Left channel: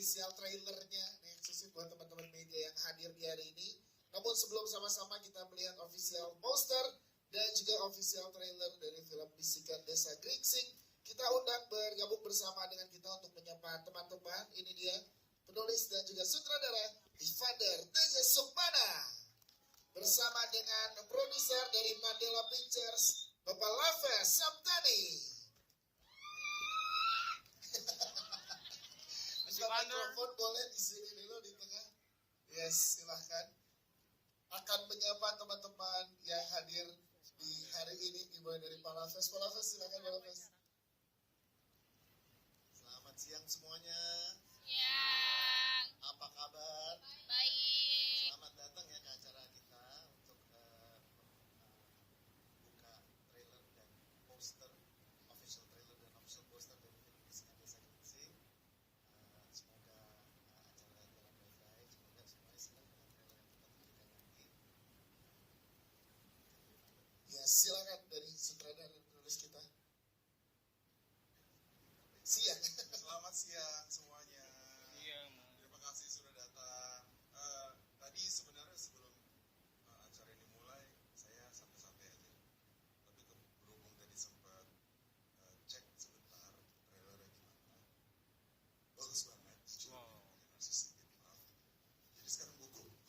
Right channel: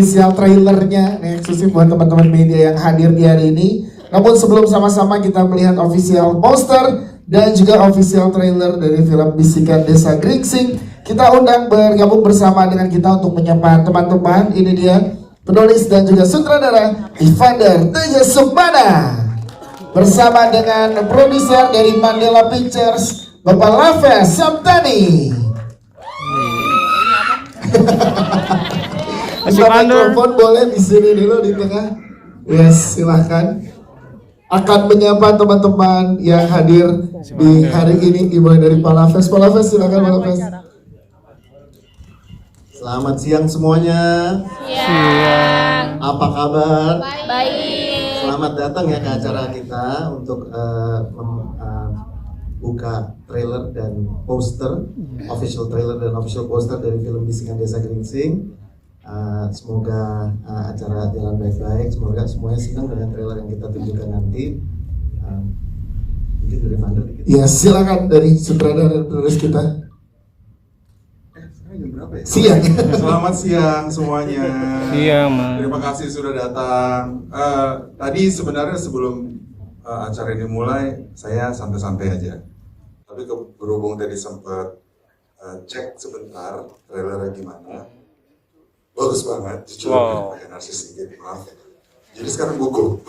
official trailernya nih, eksklusif buat teman-teman media yang hadir di hari ini. Namun sebelum sama-sama kita melihat official poster dan juga official trailer dari film Bisikan Desa Gringsing, kita undang bergabung bersama dengan kita untuk menyapa teman-teman. Ini dia penulis dan juga sutradara Evander Teja Sukmana bersama dengan produser dari Mandela Pictures Bapak Lafes Samtani. Mikrofon boleh di sini dulu di tengah. Yes, silahkan. Akan menyapa teman-teman yang hadir di hari ini, dimulai dari Pak Lafes. Pak Lafes, silakan Pak Lafes. Selamat siang semuanya. Siang. Apa kabar? Baik. Selamat datang ya ke acara kita untuk buka trailer dan poster, official trailer dan official poster dari film Bisikan Desa Gringsing. Semoga acara jalan baik-baik. Semoga semuanya senang dengan trailer yang kita tunjukkan nanti. Mungkin dari Vander dikit. Ya, silakan dari sutradara dan penulis kita. Siang. Selamat siang semuanya. Iya, Mas. Terima kasih sudah datang. Tadi sebenarnya sebelum acara ini mulai, saya santai-santai aja. Tapi berhubung tadi sempat cek sebentar trailernya gimana, bagus banget. Jujur, pakai narsis sedikit, maaf. Jadi sekarang gugup.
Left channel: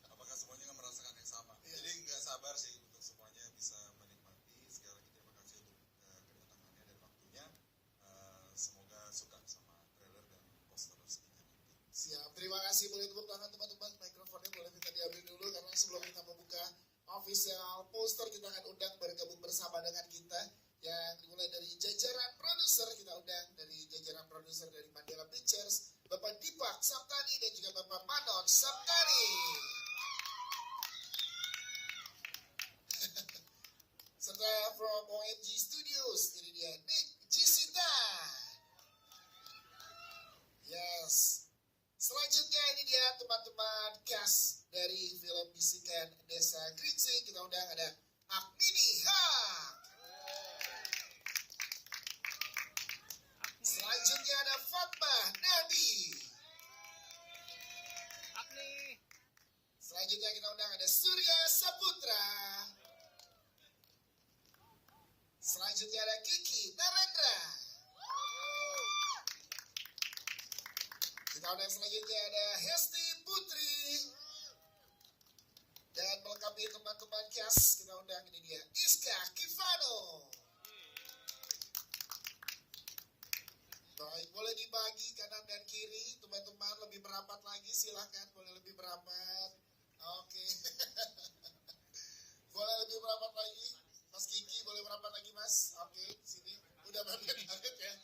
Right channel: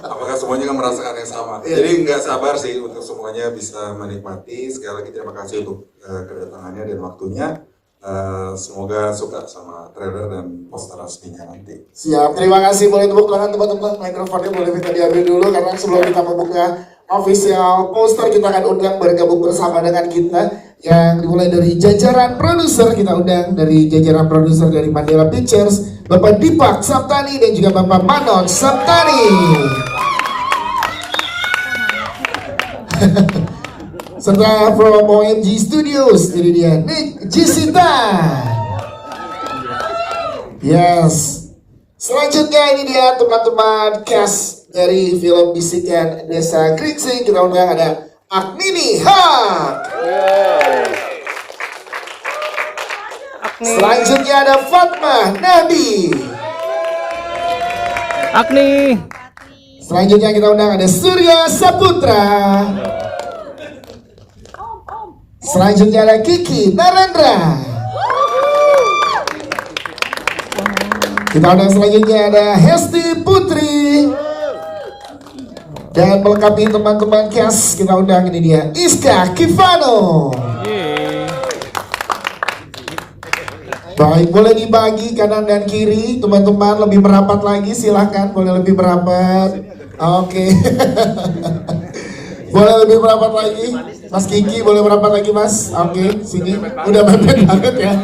Apakah semuanya kan merasakan yang sama? Jadi nggak sabar sih untuk semuanya bisa menikmati. Sekali lagi terima kasih untuk kedatangannya dan waktunya. Semoga suka sama trailer dan poster resminya nanti. Siap, terima kasih. Boleh tepuk tangan teman-teman. Mikrofonnya boleh minta diambil dulu karena sebelum kita membuka official poster, kita akan undang bergabung bersama dengan kita yang dimulai dari jajaran produser. Kita undang dari jajaran produser dari Mandela Pictures, Bapak Dipak Saptani dan juga Bapak Manon Saptani. Serta from OMG Studios, ini dia Nick Jisita. Yes. Selanjutnya ini dia teman-teman cast dari film Bisikan Desa Gringsing. Kita undang ada Aknini Hak. Selanjutnya ada Fatma Nabi. Akni. Selanjutnya kita undang ada Surya Saputra. Selanjutnya ada Kiki Narendra. Kita undang selanjutnya ada Hesti Putri. Dan melengkapi teman-teman cast, kita undang ini dia Iska Kivano. Baik, boleh dibagi kanan dan kiri, teman-teman lebih merapat lagi, silahkan boleh lebih merapat. Oke. Boleh lebih merapat lagi, Mas Kiki boleh merapat lagi Mas. Oke, sini udah mepet banget ya.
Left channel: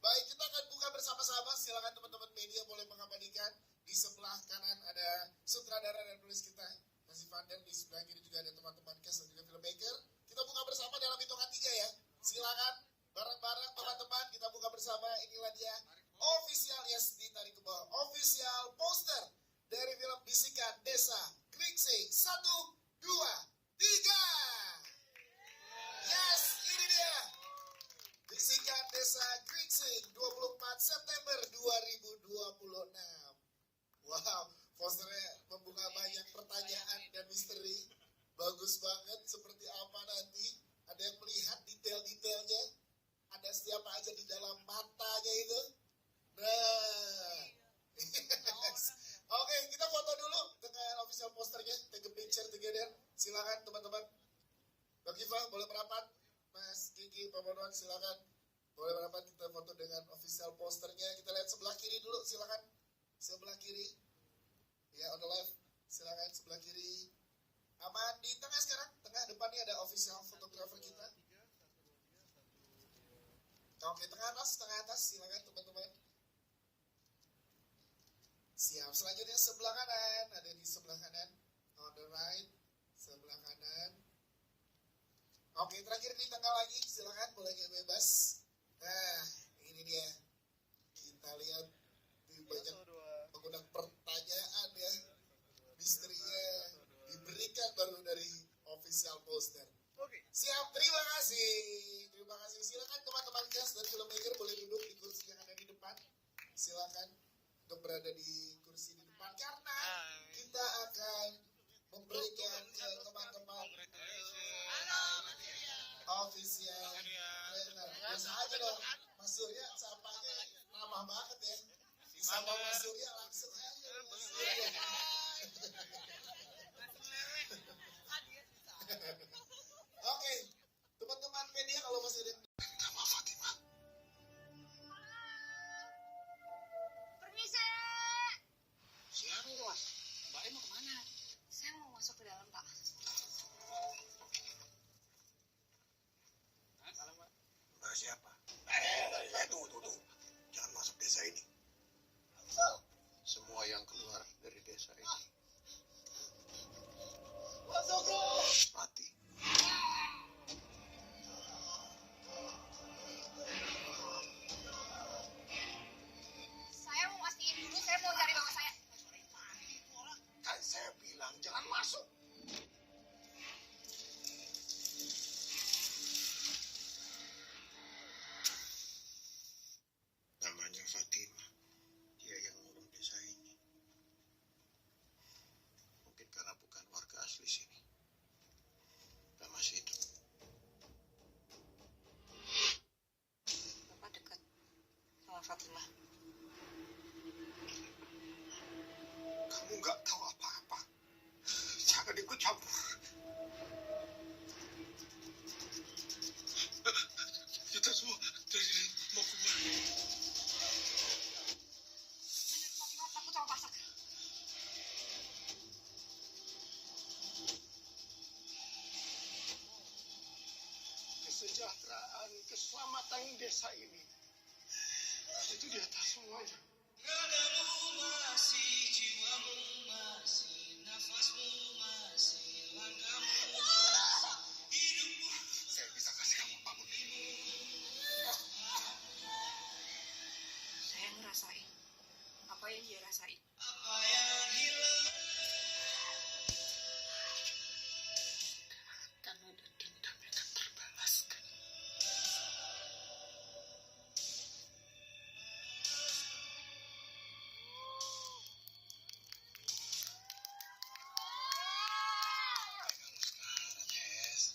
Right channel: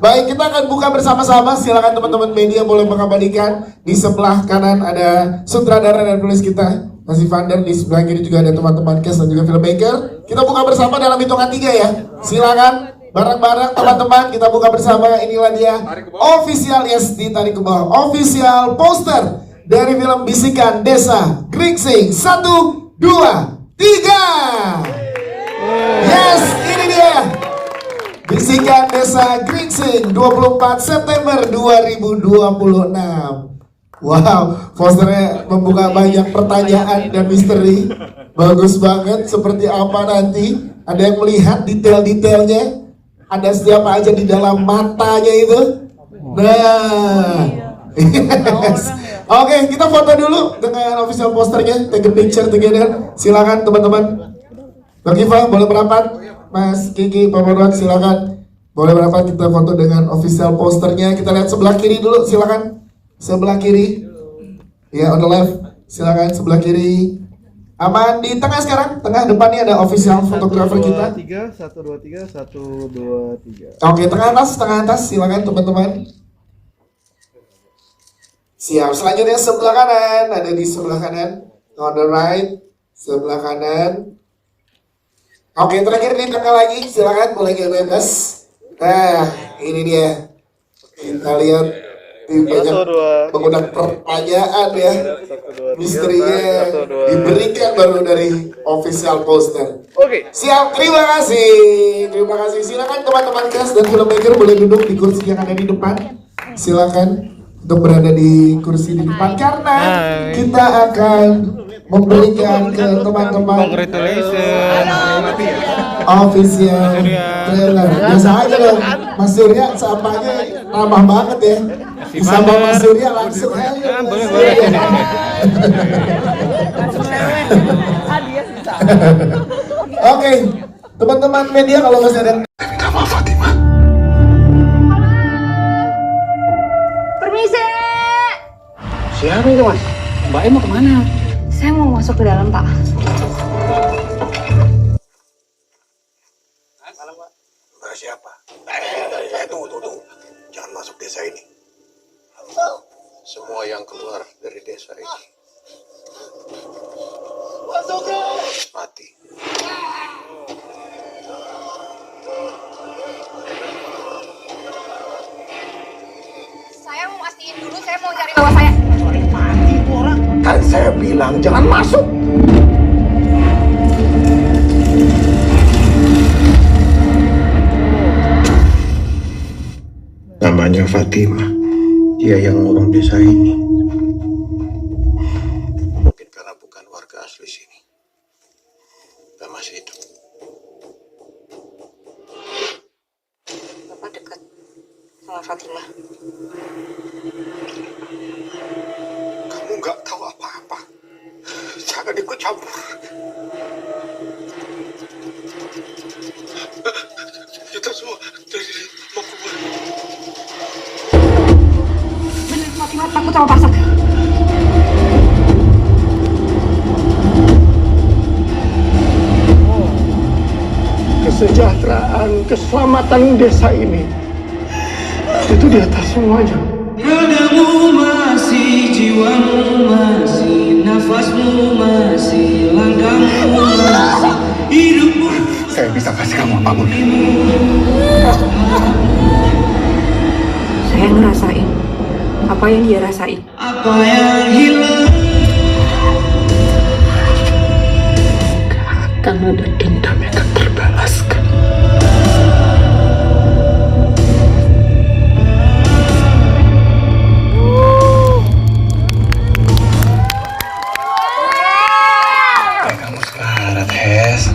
Baik, kita akan buka bersama-sama. Silakan teman-teman media boleh mengabadikan. Di sebelah kanan ada sutradara dan penulis kita, Mas Evander. Di sebelah kiri juga ada teman-teman cast dan juga filmmaker. Kita buka bersama dalam hitungan 3 ya. Silakan bareng-bareng teman-teman kita buka bersama. Inilah dia official, yes, ditarik ke bawah, official poster dari film Bisikan Desa Gringsing. 1, 2, 3. Yes, ini dia Bisikan Desa Gringsing 24 September 2026. Wow, posternya membuka banyak pertanyaan dan misteri. Bagus banget, seperti apa nanti? Ada yang melihat detail-detailnya? Ada siapa aja di dalam matanya itu? Nah, yes. Oke, kita foto dulu dengan official posternya. Take a picture together. Silakan teman-teman. Bang Kiva boleh merapat. Mas Kiki, Pak Marwan silakan. Boleh merapat, kita foto dengan official posternya. Kita lihat sebelah kiri dulu, silakan. Sebelah kiri. Ya, on the left. Silakan sebelah kiri. Aman di tengah sekarang. Tengah depannya ada official fotografer kita. 1, 2, 3, 1, 2, 3. Oke, tengah atas, silakan teman-teman. Siap, selanjutnya sebelah kanan, ada di sebelah kanan, on the right, sebelah kanan. Oke, terakhir di tengah lagi, silakan boleh bebas. Nah, ini dia. Kita lihat Ini banyak Satu, dua. mengundang pertanyaan ya. Satu, dua, tiga. Misterinya Satu, dua. diberikan baru dari official poster. Oke. Siap, terima kasih. Terima kasih. Silakan teman-teman cast dan filmmaker boleh duduk di kursi yang ada di depan. Silakan untuk berada di kursi di depan karena Hai. kita akan memberikan ke teman-teman Congratulations. official trailer. Biasa aja dong, Mas Surya sapanya ramah banget ya. Disapa Mas Surya langsung aja. Mas boleh, Surya. Oke, teman-teman media kalau masih ada Permisi. Siapa itu mas? Mbak mau kemana? Saya mau masuk ke dalam, Pak. Mbak siapa? Tunggu. Jangan masuk desa ini. Semua yang keluar dari desa ini mati. Saya mau mastiin dulu, saya mau cari bawa saya. Kan saya bilang jangan masuk. Namanya Fatima. Dia yang ngurung desa ini. Mungkin karena bukan warga asli sini. Dan masih hidup. Bapak dekat sama Fatimah. Kamu nggak tahu apa-apa. Jangan ikut campur. Kita semua dari mau keluar. Bener, Fatimah takut sama pasak. Kesejahteraan, keselamatan desa ini itu di atas semuanya. Ragamu masih, jiwamu masih, nafasmu masih, langkahmu masih, hidupmu. Saya bisa kasih kamu apapun. Saya ngerasain apa yang dia rasain. Apa yang hilang? Akan ada dendam yang akan terbalaskan. Kamu selamat, Hes.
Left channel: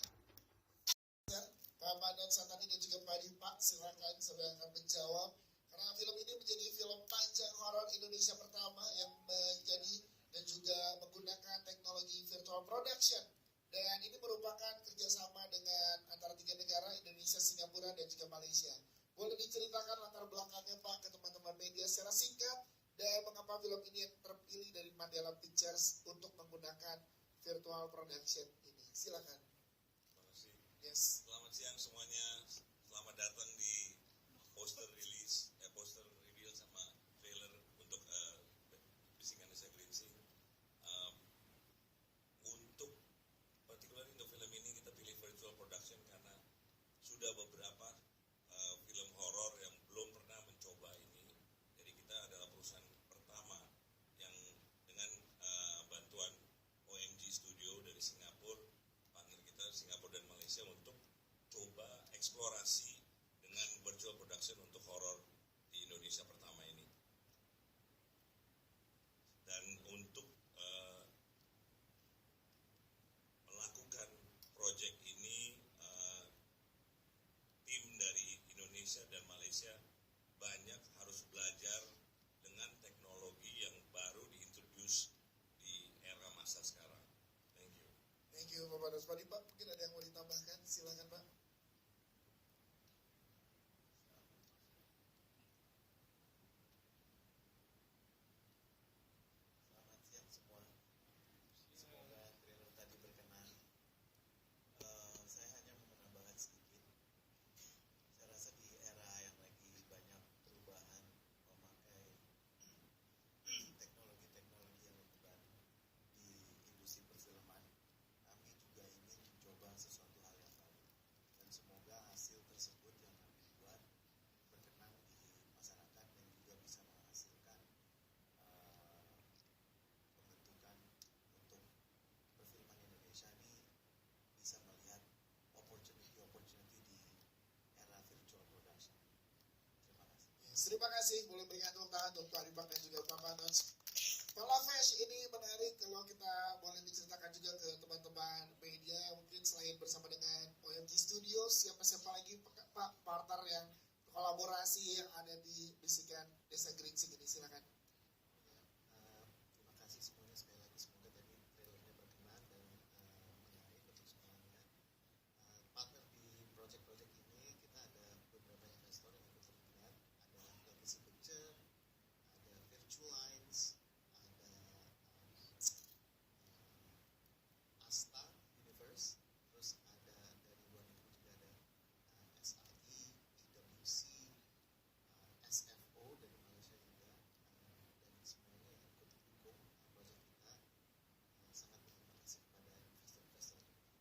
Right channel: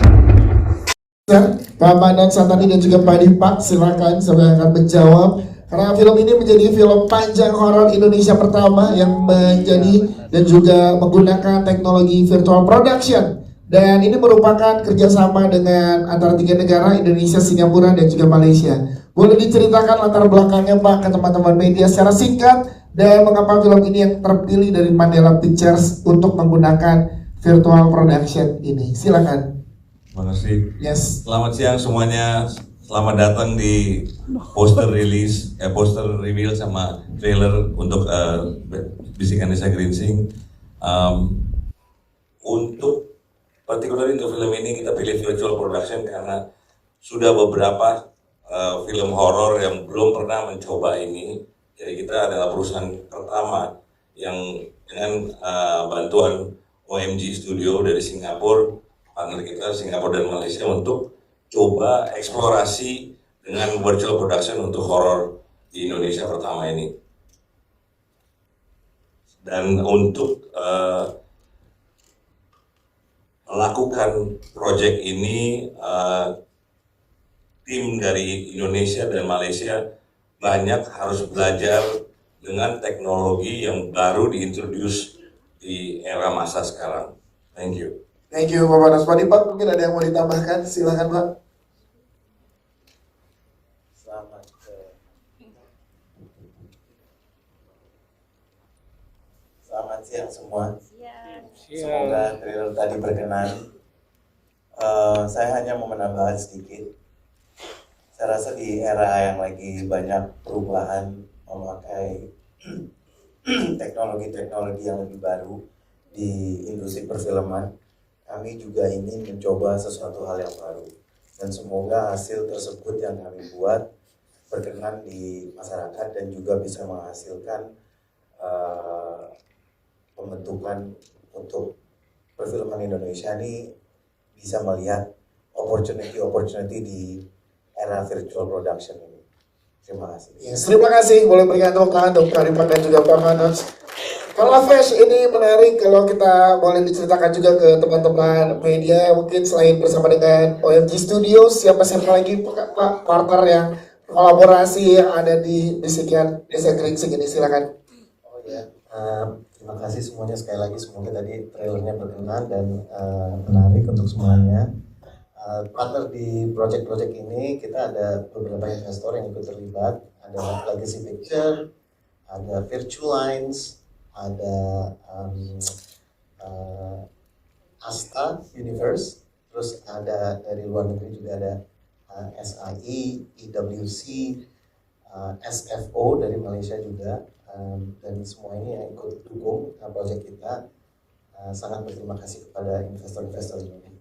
Pak Manan Santani dan juga Pak Dipak, silakan saya akan menjawab. Karena film ini menjadi film panjang horor Indonesia pertama yang menjadi dan juga menggunakan teknologi virtual production. Dan ini merupakan kerjasama dengan antara 3 negara, Indonesia, Singapura, dan juga Malaysia. Boleh diceritakan latar belakangnya Pak ke teman-teman media secara singkat, dan mengapa film ini yang terpilih dari Mandela Pictures untuk menggunakan virtual production ini. Silakan. Terima kasih. Yes. Selamat siang semuanya. Selamat datang di poster reveal sama trailer untuk Bisikan Desa Gringsing. Untuk particularly untuk film ini kita pilih virtual production karena sudah beberapa film horor yang belum pernah mencoba ini. Jadi kita adalah perusahaan pertama yang dengan bantuan OMG Studio dari Singapura, partner kita Singapura dan Malaysia untuk coba eksplorasi dengan virtual production untuk horor di Indonesia pertama ini. Dan untuk melakukan proyek ini, tim dari Indonesia dan Malaysia banyak harus belajar dengan teknologi yang baru diintroduce di era masa sekarang. Thank you. Thank you Bapak Naswadi. Pak, mungkin ada yang mau ditambahkan? Silakan Pak. Selamat siang semua. Semoga trailer tadi berkenan. Saya hanya mau menambahkan sedikit. Saya rasa di era yang lagi banyak perubahan memakai teknologi-teknologi yang lebih baru di industri perfilman, kami juga ingin mencoba sesuatu hal yang baru. Dan semoga hasil tersebut yang kami buat berkenan di masyarakat dan juga bisa menghasilkan pembentukan untuk perfilman Indonesia ini bisa melihat opportunity di era virtual production ini. Terima kasih. Yes, terima kasih. Boleh berikan tepuk tangan untuk Kak Rifan dan juga Pak Manoj. Kalau Fesh ini menarik kalau kita boleh diceritakan juga ke teman-teman media, mungkin selain bersama dengan OMG Studios, siapa lagi Pak partner yang kolaborasi yang ada di Bisikan Desa Geringsing ini, silakan. Oh ya, terima kasih semuanya sekali lagi. Semoga tadi trailernya berkenan dan menarik untuk semuanya. Partner di project-project ini kita ada beberapa investor yang ikut terlibat. Ada Legacy Picture, ada Virtualines, ada Asta Universe, terus ada dari luar negeri juga ada SIE, EWC, SFO dari Malaysia juga, dan semua ini yang ikut dukung proyek kita. Sangat berterima kasih kepada investor-investor ini.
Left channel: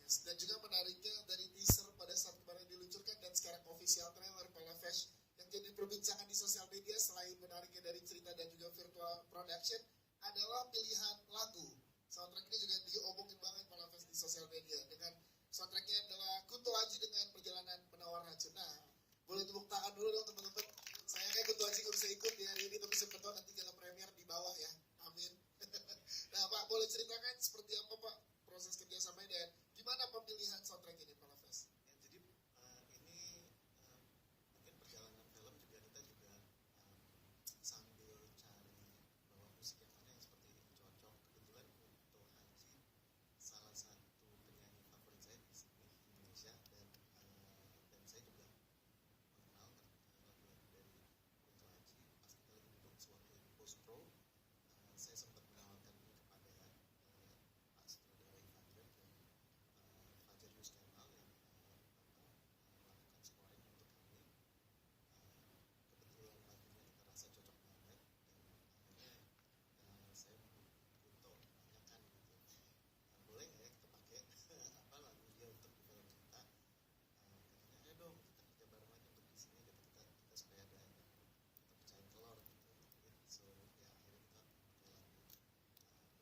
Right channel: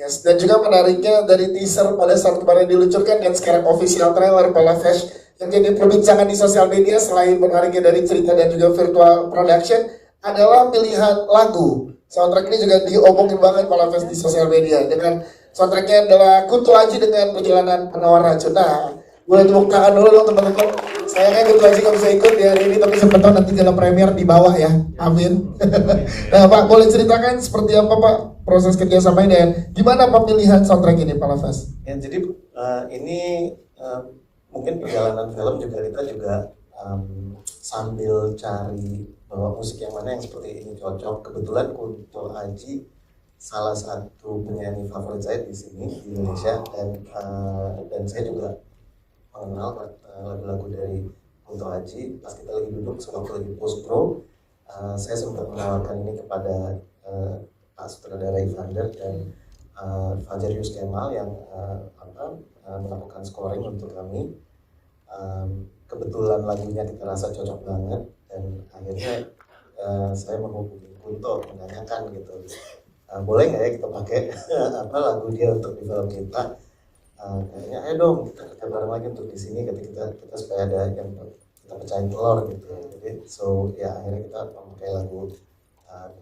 Yes, dan juga menariknya dari teaser pada saat kemarin diluncurkan dan sekarang official trailer Pala Fesh yang jadi perbincangan di sosial media selain menariknya dari cerita dan juga virtual production adalah pilihan lagu. Soundtrack ini juga diomongin banget Pala Fesh di sosial media dengan soundtracknya adalah Kunto Aji dengan Perjalanan Penawar Racun. Nah, boleh tepuk tangan dulu dong teman-teman. Saya kan Kunto Aji nggak bisa ikut di hari ini, tapi siapa tahu nanti dalam premier di bawah ya. Amin. Nah Pak, boleh ceritakan seperti apa Pak proses kerjasama ini dan gimana pemilihan soundtrack ini Pala Fesh? Ya, jadi ini mungkin perjalanan film juga kita juga sambil cari bahwa musik yang mana yang seperti ini cocok. Kebetulan Kunto Aji salah satu penyanyi favorit saya di sini di Indonesia dan saya juga mengenal lagu-lagu dari Kunto Aji. Pas kita lagi duduk sewaktu lagi post pro, saya sempat menawarkan ini kepada Pak Sutradara Ivander dan Fajar Yus Kemal yang melakukan scoring untuk kami. Kebetulan lagunya kita rasa cocok banget dan akhirnya saya menghubungi Kunto menanyakan gitu, boleh nggak ya kita pakai lagu dia untuk di film kita. Kayaknya ayo dong kita kerja bareng lagi untuk di sini, kita supaya ada yang kita pecahin telur gitu. Jadi ya akhirnya kita memakai lagu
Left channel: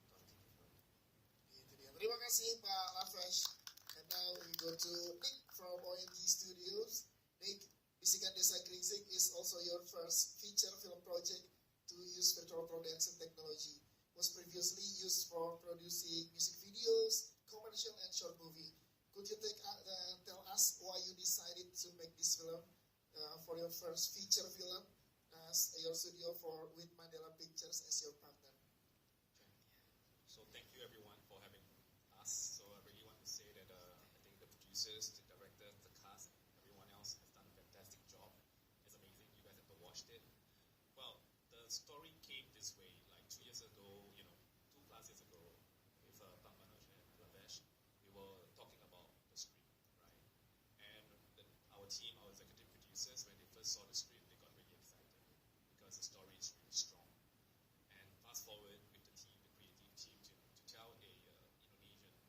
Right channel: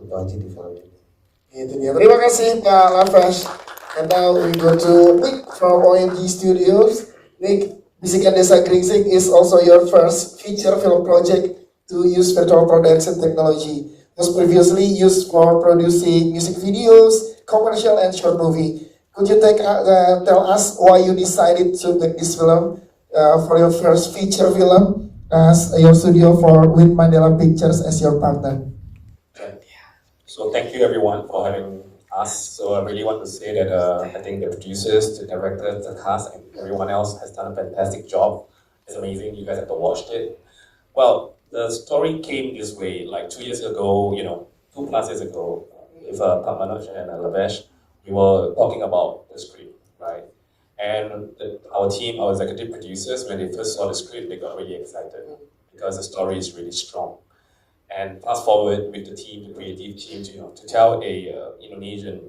Kunto Aji di film ini. Itu dia. Terima kasih Pak Lafesh. And now we go to Nick from OMG Studios. Nick, Bisikan Desa Geringsing is also your first feature film project to use virtual production technology. Was previously used for producing music videos, commercial, and short movie. Could you tell us why you decided to make this film for your first feature film as your studio for Win Mandela Pictures as your partner? So thank you everyone for having us. So I really want to say that I think the producers, the directors, the cast, and everyone else has done a fantastic job. It's amazing. You guys have to watch it. Well, the story came this way. Like 2 years ago, 2+ years ago, with Pak Manoj and Lavesh, we were talking about the script, right? And our team, our executive producers, when they first saw the script, they got really excited because the story is really strong. And fast forward with the team, the creative team, to tell a Indonesian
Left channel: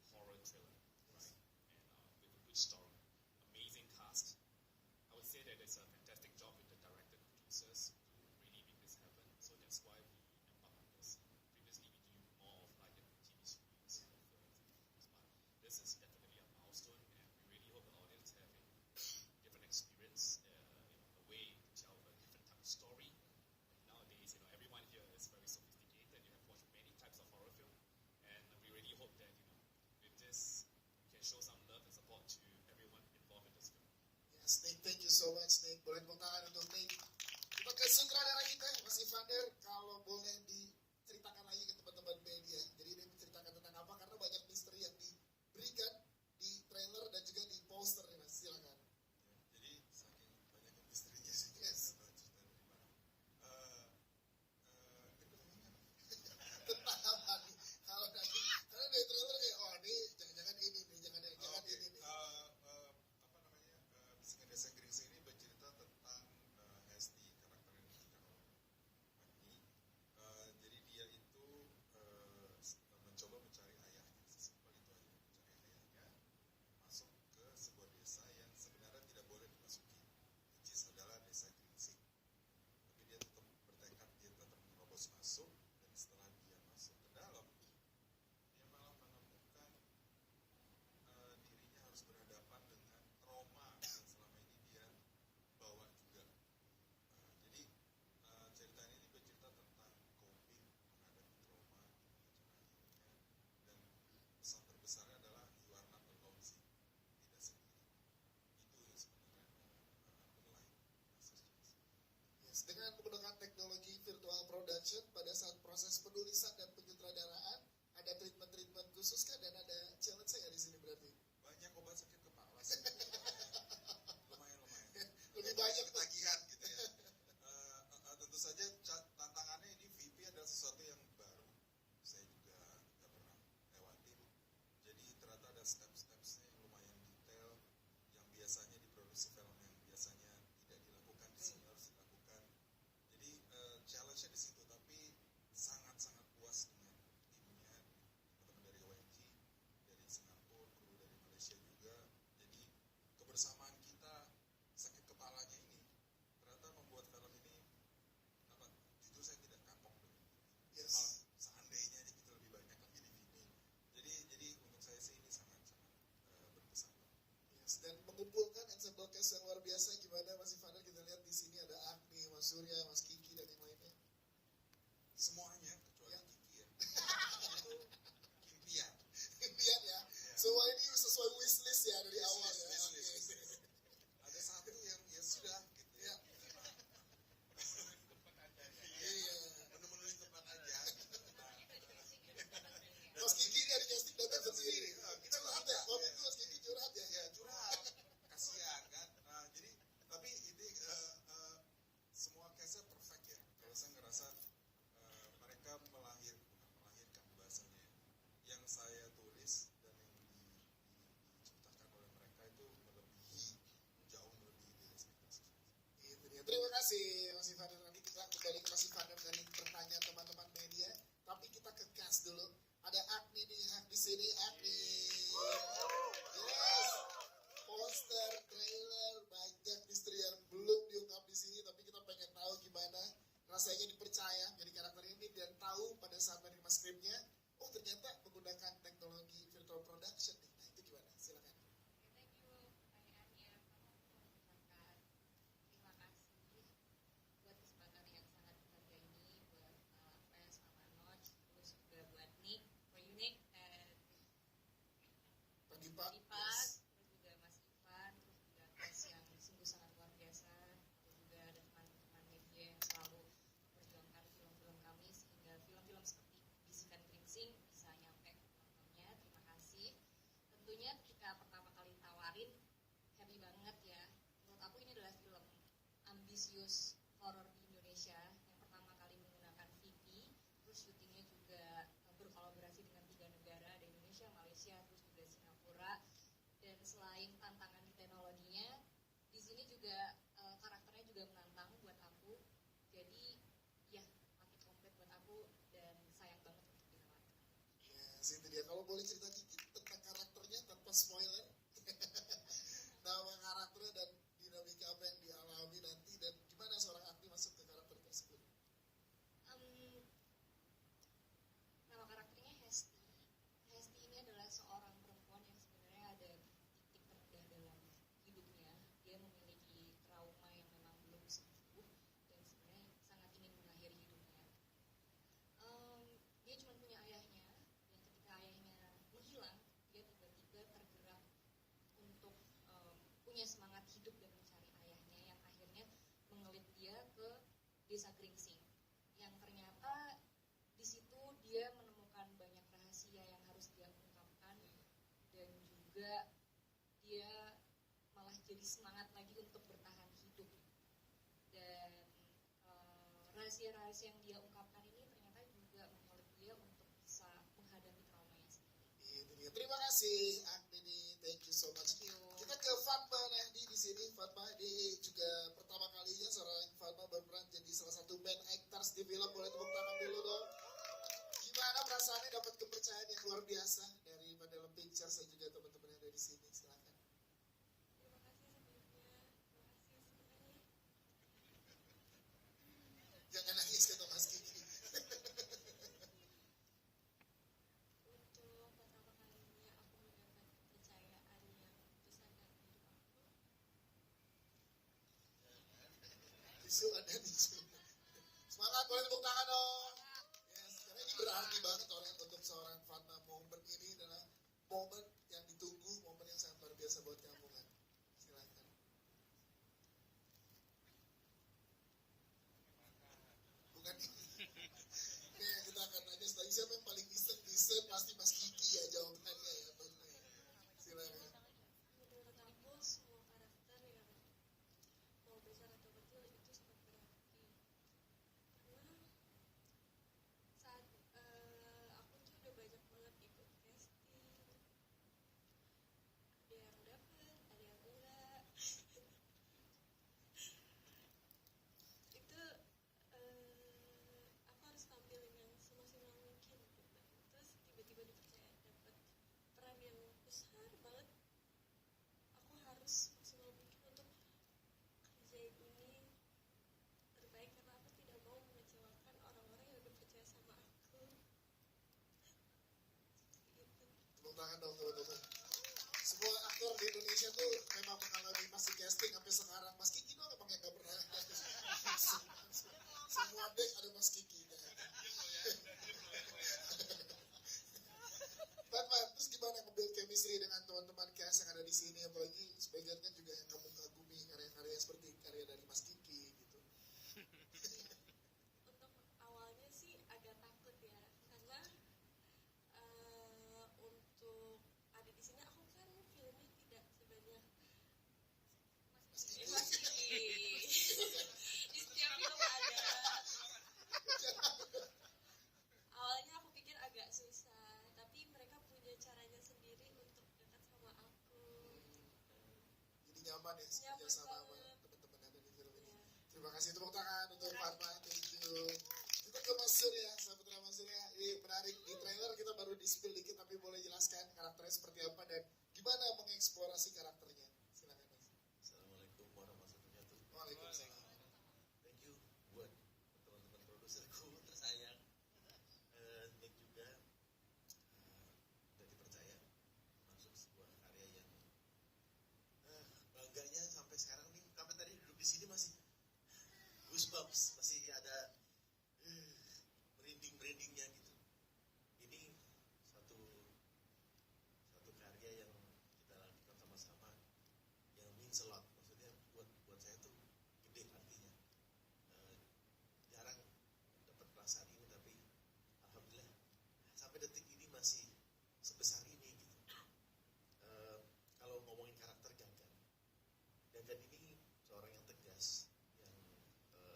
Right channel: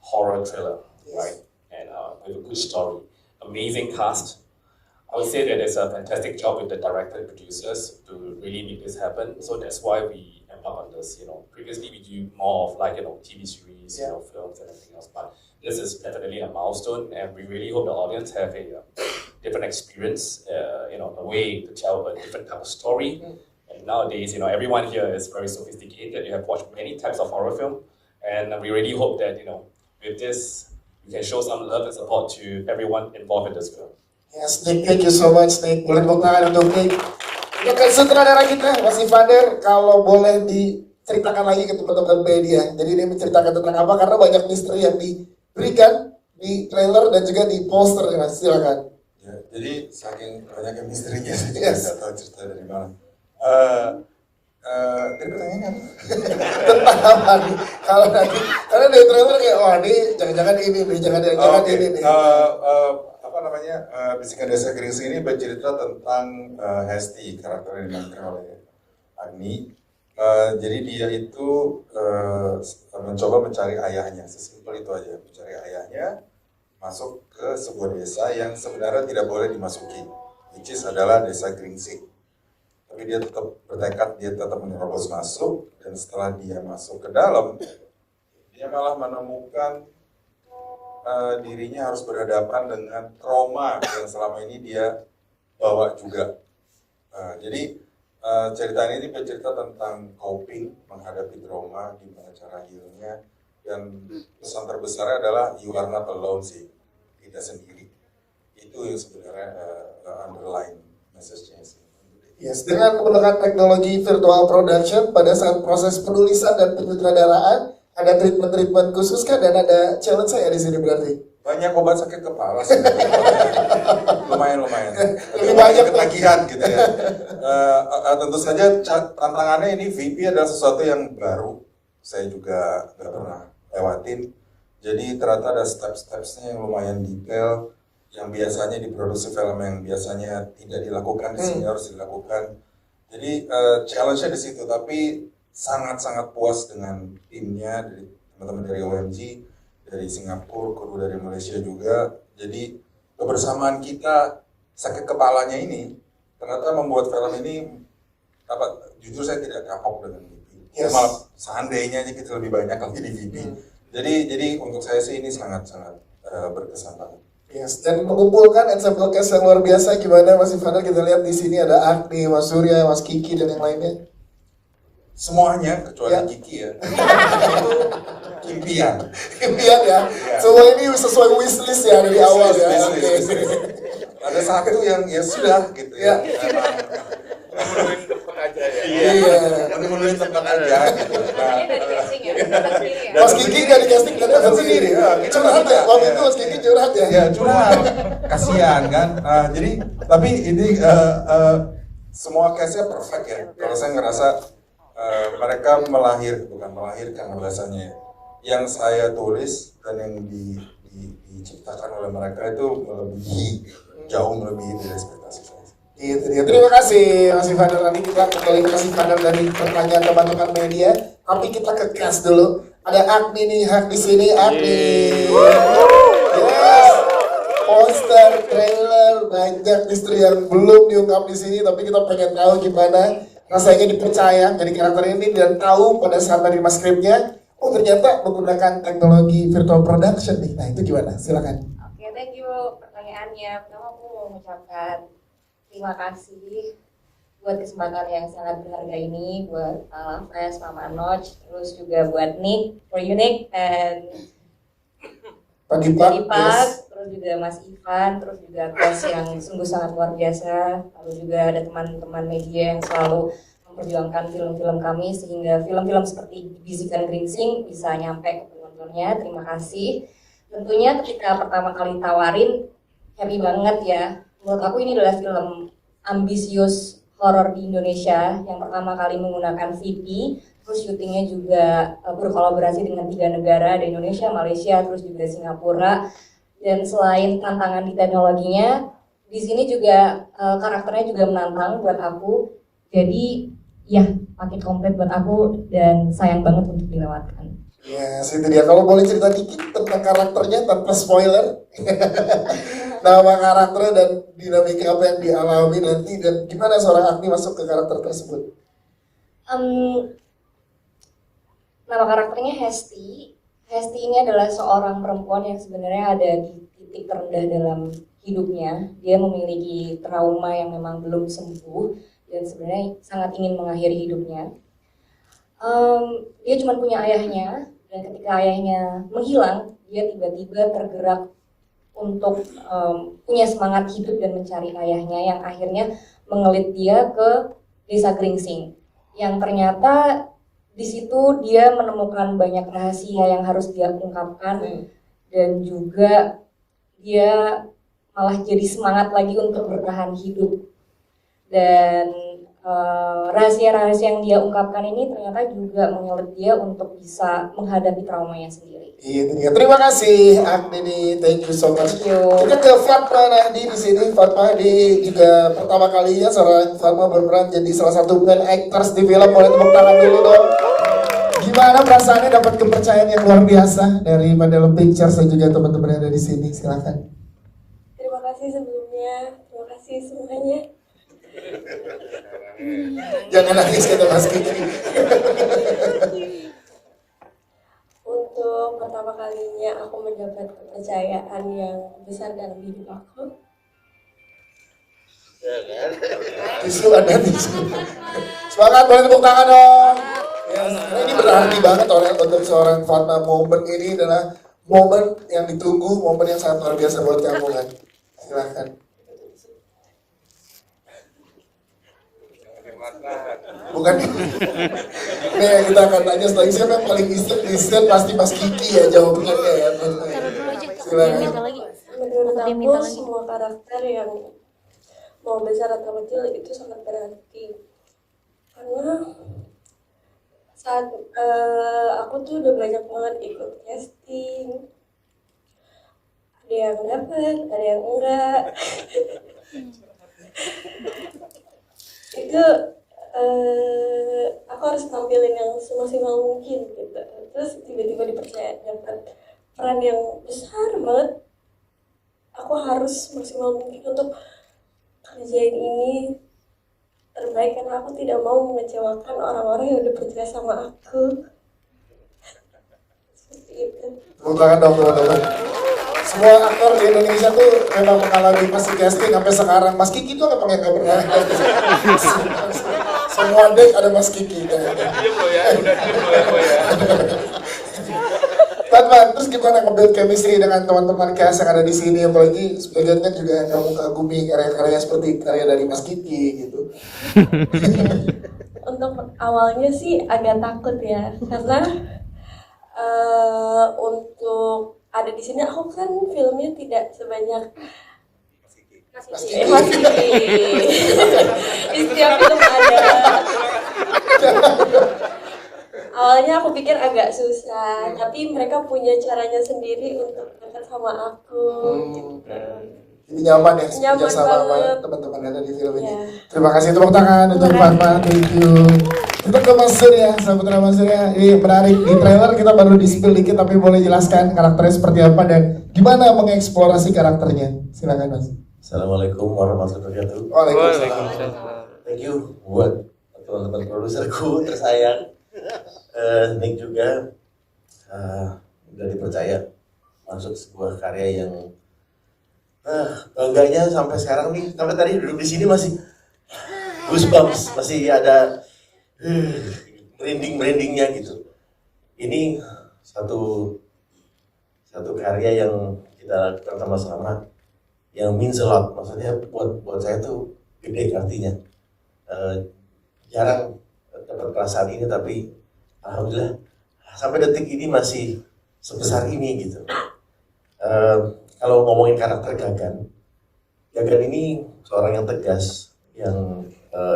horror thriller, right? And with a good story, amazing cast. I would say that it's a fantastic job with the director and producers to really make this happen. So that's why we embark on this. Previously we do more of TV series, films and everything else. But this is definitely a milestone, and we really hope the audience have a different experience. A way to tell a different type of story. And nowadays, everyone here is very sophisticated. You have watched many types of horror film, and we really hope that with this, we can show some love and support to everyone involved in this film. Yes, Nick, thank you so much, Nick. Boleh tepuk tangan untuk Nick. Untuk sutradara kita, Mas Ivander, kalau boleh diceritakan lagi ke teman-teman media. Jadi ini menceritakan tentang apa? Karena banyak misteri yang diberikan di trailer dan juga di poster. Mas, silakan. Ya, jadi saking banyaknya misterinya, saya juga Yes. nggak tahu cerita dari mana. Tadi pertanyaannya apa? Tentang apa nih? Kalau nanti, karena di trailer kayak, wah ini jangan-jangan ini nih, jangan-jangan Oke. ini nih. Bisikan Desa Geringsing ini bercerita tentang Hesti, karakter yang dimainkan oleh Agni. Jadi dia itu mencoba mencari ayahnya, sesimpel itu aja, mencari ayahnya, masuk ke sebuah desa yang sebenarnya tidak boleh dimasuki. which is adalah Desa Gringsing. Tapi dia tetap bertekad, dia tetap menerobos masuk, dan setelah dia masuk ke dalam, dia malah menemukan dirinya harus berhadapan dengan trauma yang selama ini dia bawa juga. Jadi cerita ini bercerita tentang coping, menghadapi trauma, gimana cara healingnya, dan pesan terbesarnya adalah you are not alone sih, tidak sendiri. Itu yang sebenarnya underlying message-nya sih. Yes, dengan menggunakan teknologi virtual production pada saat proses penulisan dan penyutradaraan, ada treatment khusus kan, dan ada challenge saya di sini berarti. Banyak obat sakit kepala sih. lumayan. Lebih banyak ketagihan gitu ya. Tentu saja tantangannya ini VP adalah sesuatu yang baru. Saya juga nggak pernah lewatin. Jadi ternyata ada step-stepsnya yang lumayan detail, yang biasanya di produksi film yang biasanya tidak dilakukan di sini harus dilakukan. Jadi challenge-nya di situ, tapi sangat-sangat puas dengan timnya, dari teman-teman dari OMG, dari Singapura, kru dari Malaysia juga. Jadi kebersamaan kita, sakit kepalanya ini ternyata membuat film ini jujur saya tidak kapok dengan VP. Yes. Malah seandainya kita lebih banyak lagi di VP. Jadi untuk saya sih ini sangat-sangat berkesan banget. Yes, dan mengumpulkan ensemble cast yang luar biasa. Gimana Mas Ivaner, kita lihat di sini ada Agni, Mas Surya, Mas Kiki, dan yang lainnya. Semuanya kecuali Kiki ya. Impian. Impian ya. Semua ini sesuai wishlist ya dari awal ya. Wishlist. Ada satu yang ya sudah gitu ya. Menuin tempat aja ya. Iya, menuin tempat aja gitu. Ini dari casting ya? Mas Kiki nggak di casting, kan dapat sendiri. Curhat ya, waktu itu Mas Kiki curhat ya. Ya curhat, kasihan kan. Jadi tapi ini semua case-nya perfect ya. Kalau saya ngerasa mereka bukan melahirkan bahasanya. Yang saya tulis dan yang diciptakan oleh mereka itu jauh melebihi dari ekspektasi saya. Itu dia. Terima kasih Mas Ivaner. Nanti kita kembali ke Mas Ivaner dari pertanyaan teman-teman media. Tapi kita ke cast dulu. Ada Agni nih, di sini Agni. Yes. Poster, trailer, banyak misteri yang belum diungkap di sini. Tapi kita pengen tahu gimana rasanya dipercaya jadi karakter ini dan tahu pada saat menerima skripnya, oh ternyata menggunakan teknologi virtual production nih. Nah itu gimana? Silakan. Oke, thank you pertanyaannya. Pertama aku mau mengucapkan terima kasih buat kesempatan yang sangat berharga ini buat Lafres, Mama Noj, terus juga buat Nick, for Unique, and Pak Dipak, yes. Terus juga Mas Ivan, terus juga cast yang sungguh sangat luar biasa. Lalu juga ada teman-teman media yang selalu memperjuangkan film-film kami sehingga film-film seperti Bisikan Gringsing bisa nyampe ke penontonnya. Terima kasih. Tentunya ketika pertama kali tawarin, happy banget ya. Menurut aku ini adalah film ambisius horor di Indonesia yang pertama kali menggunakan VP. Terus syutingnya juga berkolaborasi dengan 3 negara, ada Indonesia, Malaysia, terus juga Singapura. Dan selain tantangan di teknologinya, di sini juga karakternya juga menantang buat aku. Jadi ya paket komplit buat aku dan sayang banget untuk dilewatkan. Yes, itu dia. Kalau boleh cerita dikit tentang karakternya tanpa spoiler. Nama karakternya dan dinamika apa yang dialami nanti dan gimana seorang Agni masuk ke karakter tersebut? Nama karakternya Hesti. Hesti ini adalah seorang perempuan yang sebenarnya ada di titik terendah dalam hidupnya. Dia memiliki trauma yang memang belum sembuh dan sebenarnya sangat ingin mengakhiri hidupnya. Dia cuma punya ayahnya dan ketika ayahnya menghilang, dia tiba-tiba tergerak untuk punya semangat hidup dan mencari ayahnya yang akhirnya mengelit dia ke Desa Gringsing. Yang ternyata di situ dia menemukan banyak rahasia yang harus dia ungkapkan dan juga dia malah jadi semangat lagi untuk bertahan hidup. Dan rahasia-rahasia yang dia ungkapkan ini ternyata juga mengelit dia untuk bisa menghadapi traumanya sendiri. Iya, terima kasih Agni, thank you so much. Kita ke Fatma Nahdi di sini. Fatma Nahdi juga pertama kalinya seorang Fatma berperan jadi salah satu main actors di film. Boleh tepuk tangan dulu dong. Gimana perasaannya dapat kepercayaan yang luar biasa dari Mandela Pictures dan juga teman-teman yang ada di sini? Silakan. Terima kasih sebelumnya, terima kasih semuanya. makanya. Jangan nangis kata Mas Kiki. Untuk pertama kalinya aku mendapat kepercayaan yang besar dalam hidup aku. Tisu ada tisu. Semangat, boleh tepuk tangan dong. Ya, ini berarti banget untuk seorang Fatma. Momen ini adalah momen yang ditunggu, momen yang sangat luar biasa buat kamu kan. Silahkan. Bukan. Nih kita akan tanya setelah ini siapa yang paling instan pasti Mas Kiki ya jawabannya ya. Silakan. Menurut aku semua karakter yang mau besar atau kecil itu sangat berarti karena saat aku tuh udah banyak banget ikut casting, ada yang dapat, ada yang enggak. Itu aku harus tampilin yang semaksimal mungkin gitu. Terus tiba-tiba dipercaya dapat peran yang besar banget. Aku harus maksimal mungkin untuk kerjain ini terbaik karena aku tidak mau mengecewakan orang-orang yang udah percaya sama aku. Seperti itu. Tepuk tangan dong teman-teman. Semua aktor di Indonesia tuh memang mengalami pasti casting sampai sekarang. Mas Kiki tuh nggak pernah. Semua dek ada Mas Kiki. Teman, terus gimana nge-build chemistry dengan teman-teman cast yang ada di sini, apalagi sebagian kan juga kamu kagumi karya-karya seperti karya dari Mas Kiki gitu. Untuk awalnya sih agak takut ya karena untuk ada di sini aku kan filmnya tidak sebanyak Mas Kiki. Di setiap film ada. Awalnya aku pikir agak susah, tapi mereka punya caranya sendiri untuk dekat sama aku. Gitu. Jadi nyaman ya, Nyaman kerja sama banget. teman-teman yang ada di film ini. Ya. Terima kasih, tepuk tangan untuk Fatma, thank you. Kita ke Mas Surya, Saputra Mas Surya. Ini menarik, di trailer kita baru di-spill dikit, tapi boleh jelaskan karakternya seperti apa dan gimana mengeksplorasi karakternya. Silakan Mas. Assalamualaikum warahmatullahi wabarakatuh. Waalaikumsalam. Thank you buat teman-teman produserku tersayang. Nick juga udah dipercaya masuk sebuah karya yang bangganya sampai sekarang nih, sampai tadi duduk di sini masih goosebumps, masih ada merindingnya gitu. Ini satu karya yang kita lakukan sama-sama yang means a lot, maksudnya buat saya tuh gede artinya. Jarang dapat perasaan ini, tapi alhamdulillah sampai detik ini masih sebesar ini gitu. Kalau ngomongin karakter Gagan ini seorang yang tegas, yang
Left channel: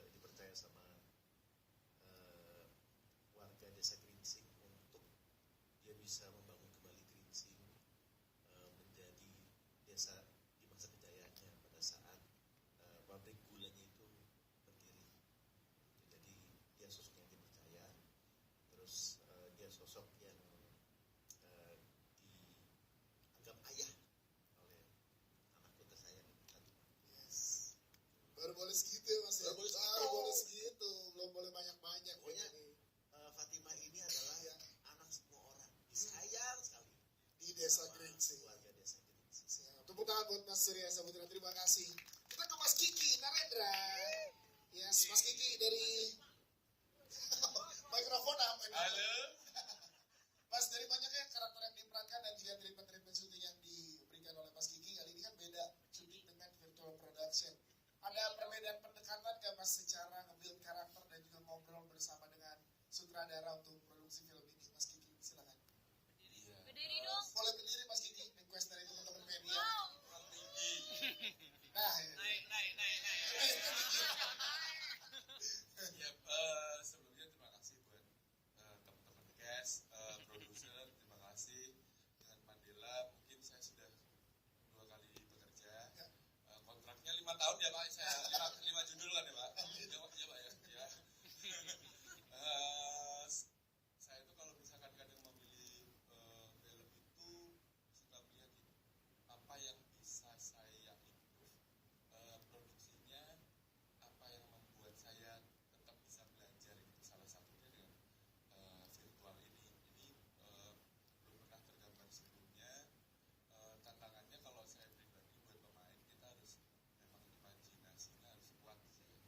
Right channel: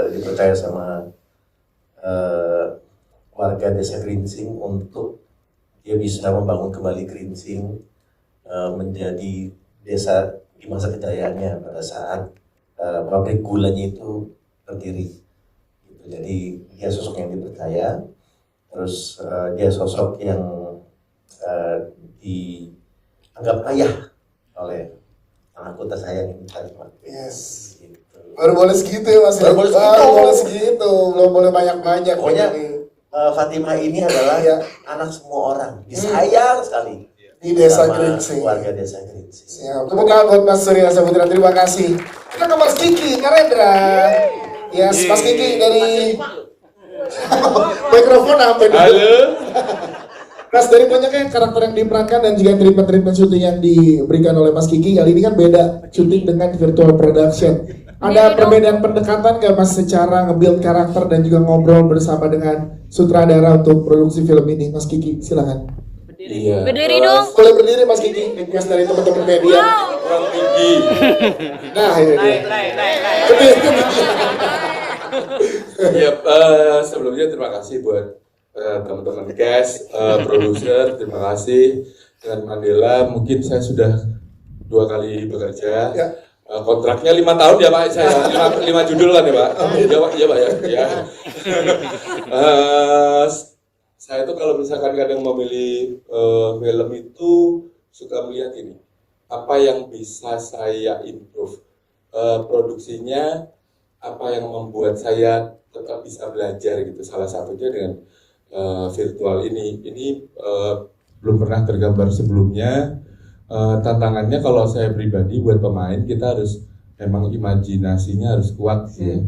dipercaya sama warga desa Gringsing untuk dia bisa membangun kembali Gringsing menjadi desa di masa kejayaannya pada saat pabrik gulanya itu berdiri. Jadi dia sosok yang dipercaya, terus dia sosok yang dianggap ayah oleh anakku tersayang ini Fatimah. Yes. Gitu. Baru boleh segitu ya Mas. Baru boleh segitu. Belum boleh banyak-banyak. Pokoknya Fatimah ini adalah anak semua orang, disayang sekali di desa sama Gringsing. warga desa Gringsing. Siap. Tepuk tangan buat Mas Surya Saputra. Terima kasih. Kita ke Mas Kiki Narendra. Yes, Mas Kiki dari mikrofon sampai dulu. Halo. Mas, dari banyaknya karakter yang diperankan dan juga treatment syuting yang diberikan oleh Mas Kiki, kali ini kan beda syuting dengan virtual production. Ada perbedaan pendekatan nggak Mas secara nge-build karakter dan juga ngobrol bersama dengan sutradara untuk produksi film ini? Mas Kiki, silakan. Iya. Berdiri dong. Boleh berdiri Mas Kiki, request dari teman-teman media. Kurang tinggi. Nah, ini dia. Berdiri. Ya, sebelumnya terima kasih buat teman-teman cast, produser, terima kasih. Dengan Mandela mungkin saya sudah 2 kali bekerja. Ya. Kontraknya 5 tahun ya Pak, saya 5 judul kan ya Pak. Iya Pak, iya Pak ya. Ya. Saya tuh kalau misalkan kadang memilih film itu suka melihat ini, apa yang bisa saya improve. produksinya apa yang membuat saya tetap bisa belajar gitu. Salah satunya dengan virtual ini belum pernah tergambar sebelumnya. Tantangannya kalau saya pribadi buat pemain, kita harus memang imajinasinya harus kuat sih.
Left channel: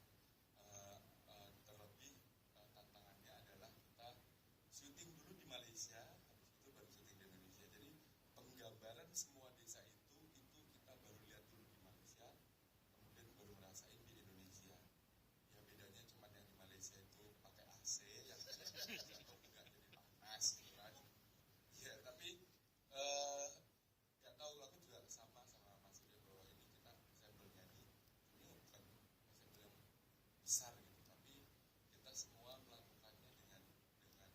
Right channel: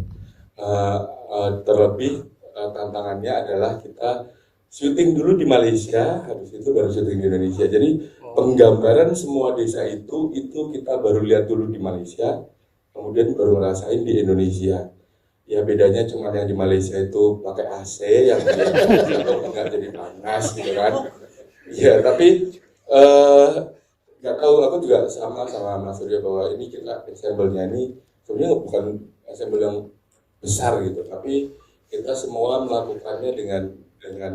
Terlebih tantangannya adalah kita syuting dulu di Malaysia, habis itu baru syuting di Indonesia. Jadi penggambaran semua desa itu kita baru lihat dulu di Malaysia, kemudian baru ngerasain di Indonesia. Ya bedanya cuma yang di Malaysia itu pakai AC, yang di Indonesia itu nggak jadi panas gitu kan. Ya tapi nggak tahu, aku juga sama Mas Surya bahwa ini kita ensemble-nya ini sebenarnya bukan ensemble yang besar gitu, tapi kita semua melakukannya dengan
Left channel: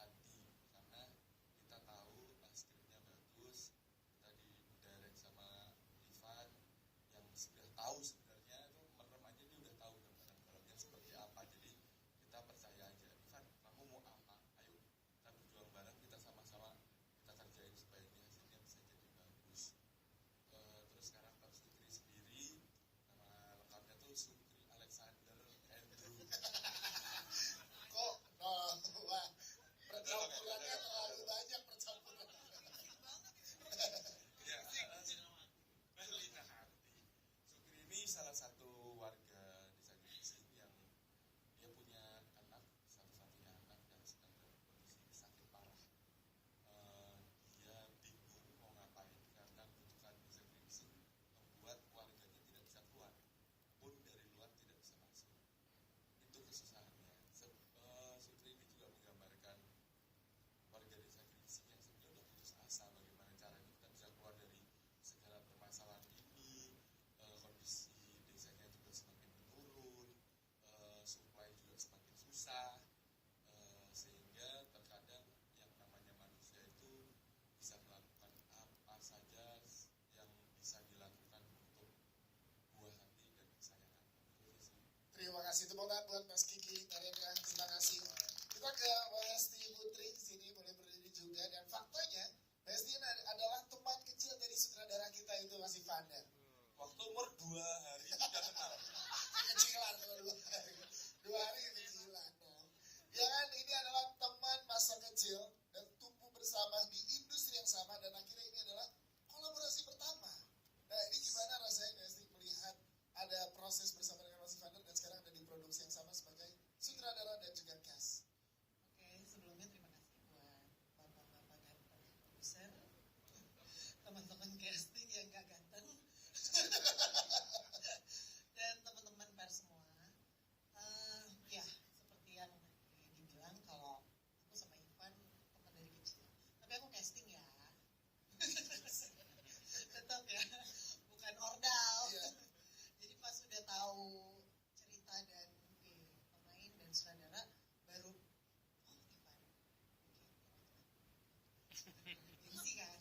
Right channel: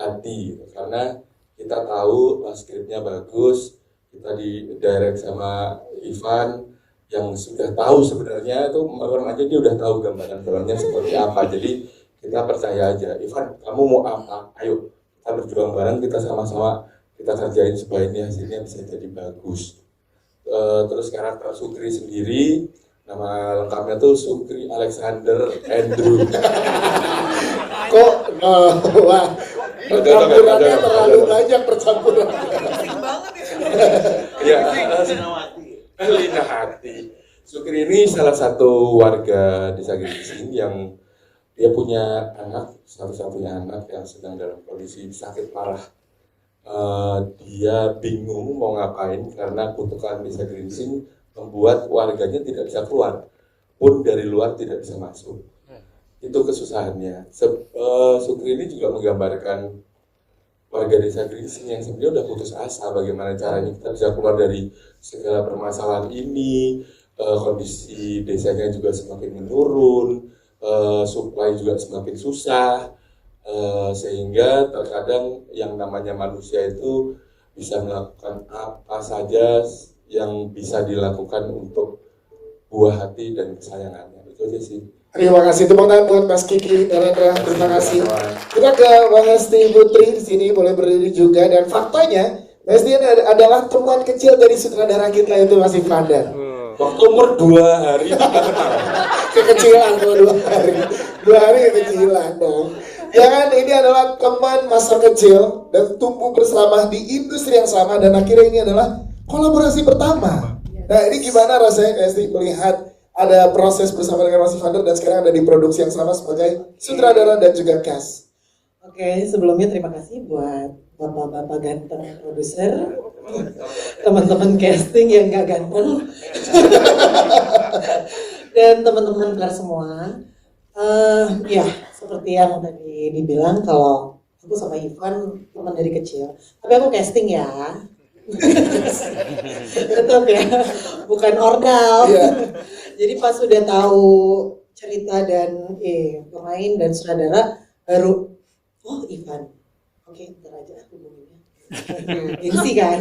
hati gitu. Karena kita tahu skripnya bagus, kita di direct sama Ivan yang sudah tahu sebenarnya itu orang aja dia udah tahu gambaran filmnya seperti apa. Jadi kita percaya aja, Ivan kamu mau apa, ayo kita berjuang bareng, kita sama-sama kita kerjain supaya ini hasilnya bisa jadi bagus. Terus karakter Sukri sendiri, nama lengkapnya tuh Sukri Alexander Andrew. Kok wah, percampurannya terlalu banyak percampuran. Ya, Lina Hati. Sukri ini salah satu warga desa Gingsing yang dia punya anak, satu-satunya anak yang sedang dalam kondisi sakit parah. Dia bingung mau ngapain karena kutukan desa Gingsing membuat warganya tidak bisa keluar, pun dari luar tidak bisa masuk. Itu kesusahannya. Sukri ini juga menggambarkan warga desa Gingsing yang sebenarnya udah putus asa bagaimana caranya kita bisa keluar dari segala permasalahan ini. Kondisi desanya juga semakin menurun, supply juga semakin susah, sehingga terkadang yang namanya manusia itu bisa melakukan apa saja yang bisa dilakukan untuk buah hati dan kesayangannya. Itu aja sih. Terima kasih, tepuk tangan buat Mas Kiki dan Rendra. Terima kasih. Kita ke Mbak Hesti Putri di sini, boleh berdiri juga. Dan faktanya, Hesti adalah teman kecil dari sutradara kita itu Mas Ivander. Waktu umur 2 hari kita kenal. Kekecilan kalau 2 hari. 2 hari kekecilan dong. Ya kan, ini adalah teman masa kecil dan tumbuh bersama di industri yang sama, dan akhirnya ini adalah kolaborasi pertama. Nah, ini gimana rasanya Hesti melihat ada proses bersama dengan Mas Ivander dan sekarang ada di produksi yang sama sebagai sutradara dan juga cast? Oke, sebelumnya terima kasih buat bapak-bapak ganteng produser, teman-teman casting yang gak ganteng, dan teman-teman kar semua. Ya, seperti yang tadi dibilang kalau aku sama Ivan teman dari kecil, tapi aku casting ya. Tetap ya, bukan ordal. Jadi pas sudah tahu cerita dan pemain dan sutradara baru, oh Ivan, oke ntar aja hubunginnya. Gengsi kan.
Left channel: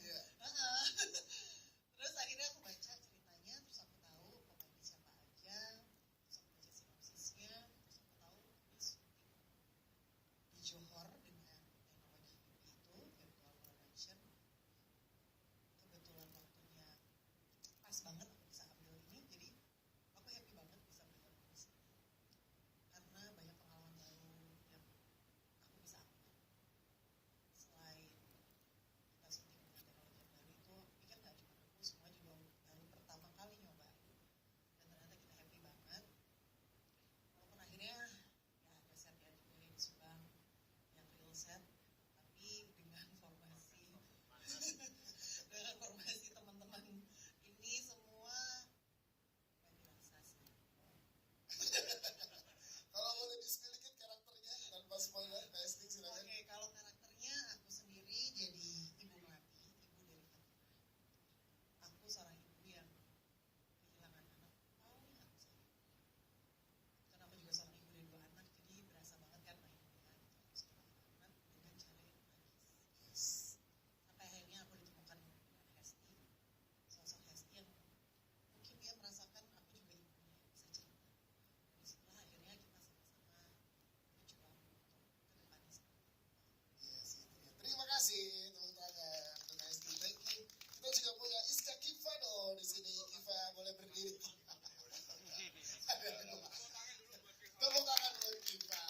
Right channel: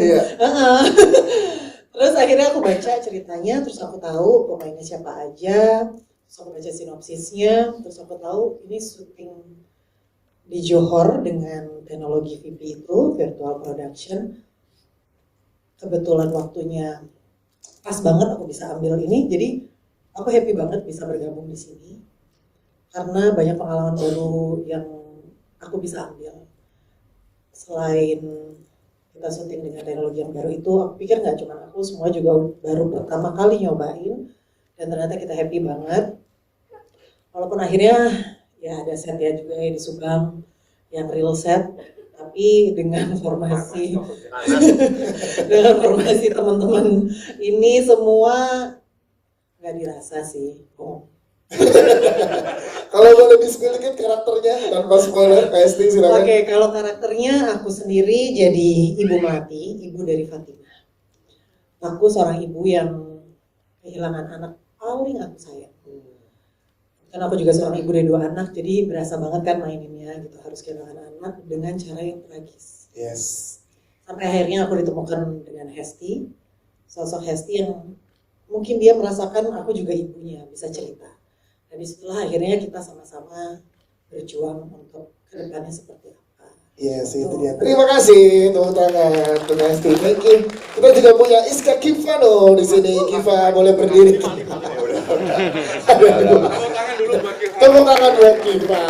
Terus akhirnya aku baca ceritanya, terus aku tahu pemainnya siapa aja, terus aku baca sinopsisnya, terus aku tahu ini syuting di Johor dengan teknologi VP itu, virtual production. Kebetulan waktunya pas banget aku bisa ambil ini, jadi aku happy banget bisa bergabung di sini karena banyak pengalaman baru yang aku bisa ambil. Selain kita syuting dengan teknologi yang baru itu, aku pikir nggak cuma aku, semua juga baru pertama kali nyobain, dan ternyata kita happy banget. Walaupun akhirnya ya ada set ya juga yang di Subang yang real set, tapi dengan formasi teman-teman ini semua nggak dirasa sih. Kalau boleh di-spill karakternya tanpa spoiler, Hesti silakan. Oke, kalau karakternya aku sendiri jadi Ibu Melati, ibu dari Fatimah. Aku seorang ibu yang kehilangan anak paling aku sayang. Karena aku juga seorang ibu dari 2 anak, jadi berasa banget kan maininnya gitu, harus kehilangan anak dengan cara yang tragis. Yes. Sampai akhirnya aku ditemukan dengan Hesti, sosok Hesti yang mungkin dia merasakan aku juga ibunya, bisa cerita. Dan disitulah akhirnya kita sama-sama berjuang untuk kedepannya seperti apa. Yes, itu dia. Terima kasih, tepuk tangan untuk Hesti. Thank you. Kita juga punya Iska Kivano di sini. Kiva boleh berdiri. Tepuk tangan buat Kiva.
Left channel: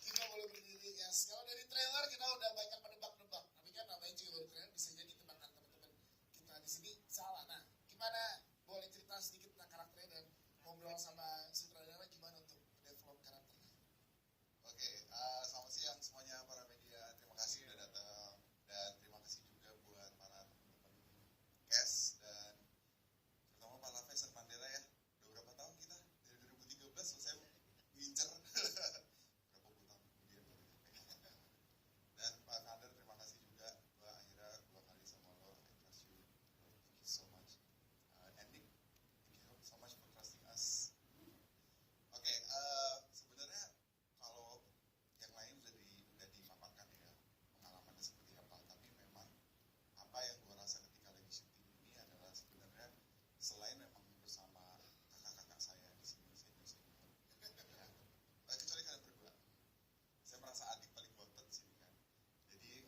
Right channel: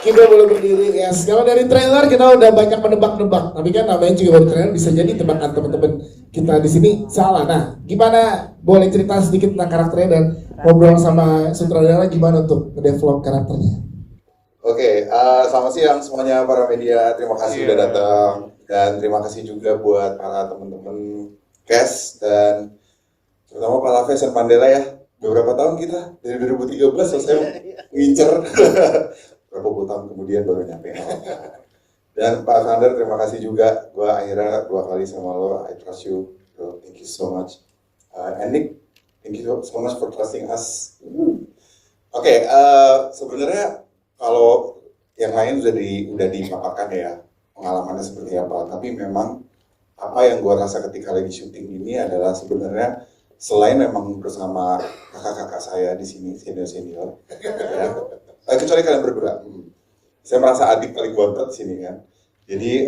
Kiva boleh berdiri, yes. Kalau dari trailer kita udah banyak menebak-nebak, tapi kan namanya juga baru trailer, bisa jadi tebakan teman-teman kita di sini salah. Nah, gimana? Boleh cerita sedikit tentang karakternya dan ngobrol sama sutradara gimana untuk nge-develop karakternya? Oke, selamat siang semuanya para media. Terima kasih udah datang dan terima kasih juga buat para teman-teman cast dan terutama Pak Laves dan Mandela ya. Beberapa tahun kita dari 2013 selesai ngincer. Berapa puluh tahun kemudian baru nyampe. Dan Pak Sander terima kasih juga. Gua akhirnya 2 kali sama lo. I trust you. Bro. Thank you so much. And Nick, thank you so much for trusting us. Oke, sebenarnya kalau yang lain udah dipaparkan ya pengalamannya seperti apa. Tapi memang apa yang gua rasa ketika lagi syuting ini adalah sebenarnya selain memang bersama kakak-kakak saya di sini senior, ya, kecuali kalian berdua, saya merasa adik paling bontot di sini kan. Jadi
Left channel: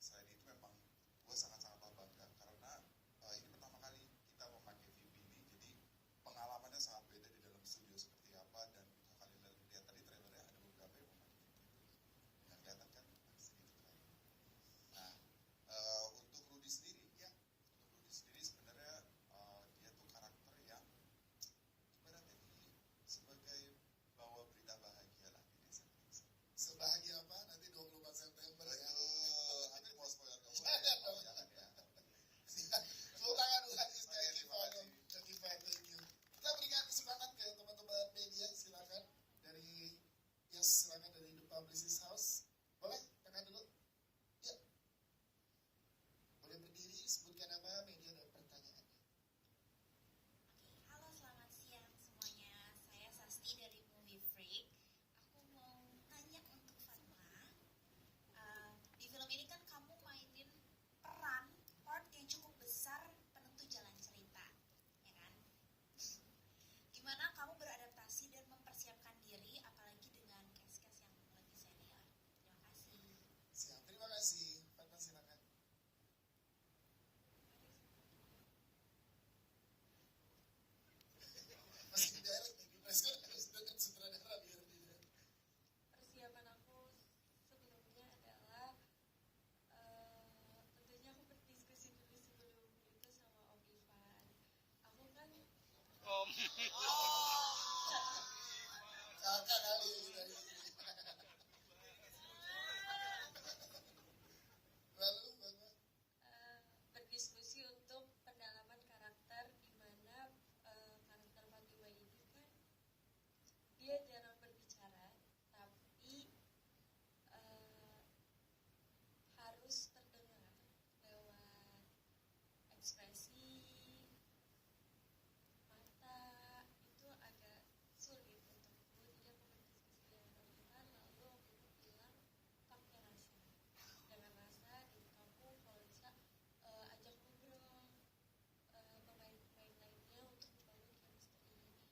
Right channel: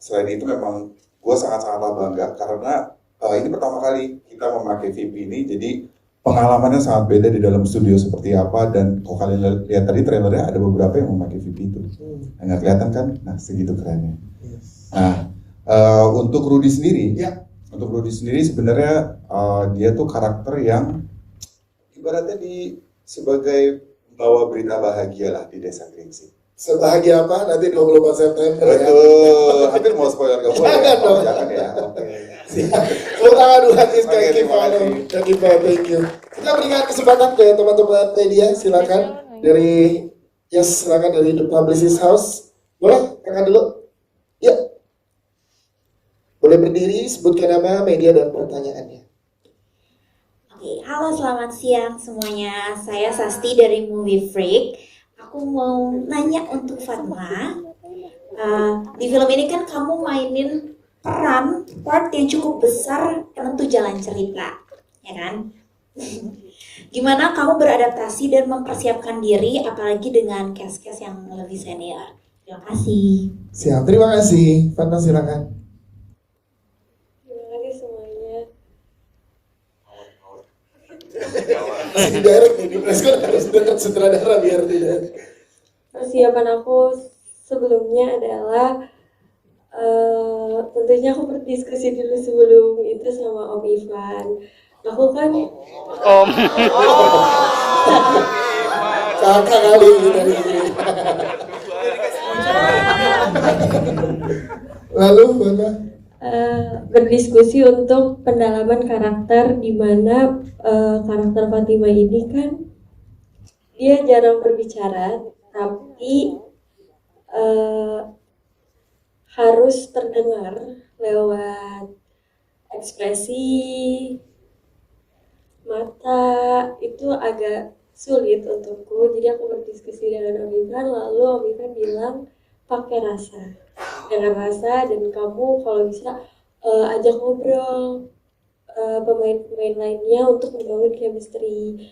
selain itu memang gue sangat-sangat bangga karena ini pertama kali kita memakai VP ini, jadi pengalamannya sangat beda di dalam studio seperti apa. Dan kalau kalian lihat tadi trailernya ada beberapa yang memakai VP itu, nggak kelihatan kan? Nah segitu kerennya. Nah untuk Rudy sendiri, sebenarnya dia tuh karakter yang ibaratnya sebagai bawa berita bahagia lah di Desa Gringsing. Sebahagia apa? Nanti 24 September Betul, hampir mau spoiler gak boleh. Jangan dong. Jangan ya. Tepuk tangan dulu hati sekali Kiva, thank you. Kita berikan kesempatan ke teman-teman media, silakan dari silakan dari The Publicist House. Boleh, kakak dulu. Ya. Boleh berdiri, sebutkan nama, media dan pertanyaannya. Oke, halo selamat siang semuanya. Saya Sasti dari Movie Freak. Aku mau nanya untuk Fatma. Di film ini kan kamu mainin part yang cukup besar penentu jalan cerita, ya kan? Gimana kamu beradaptasi dan mempersiapkan diri, apalagi dengan cast-cast yang lebih senior? Terima kasih. Siap, terima kasih. Fatma silakan. Masih direct nih, di preskon harus dekat sutradara biar tidak. Persiapan aku sebelumnya adalah tentunya aku berdiskusi dulu sebelum itu sama Om Ivan. Aku kan kakak kali ini dari sini. Lalu Bapak? Berdiskusi untuk pendalaman karakter, di mana karakter Fatima ini kan dia jarang berbicara, tapi harus terdengar lewat ekspresi mata. Itu agak sulit untukku, jadi aku berdiskusi dengan Om Ivan, lalu Om Ivan bilang pakai rasa, dengan rasa, dan kamu kalau bisa ajak ngobrol pemain-pemain lainnya untuk membangun chemistry.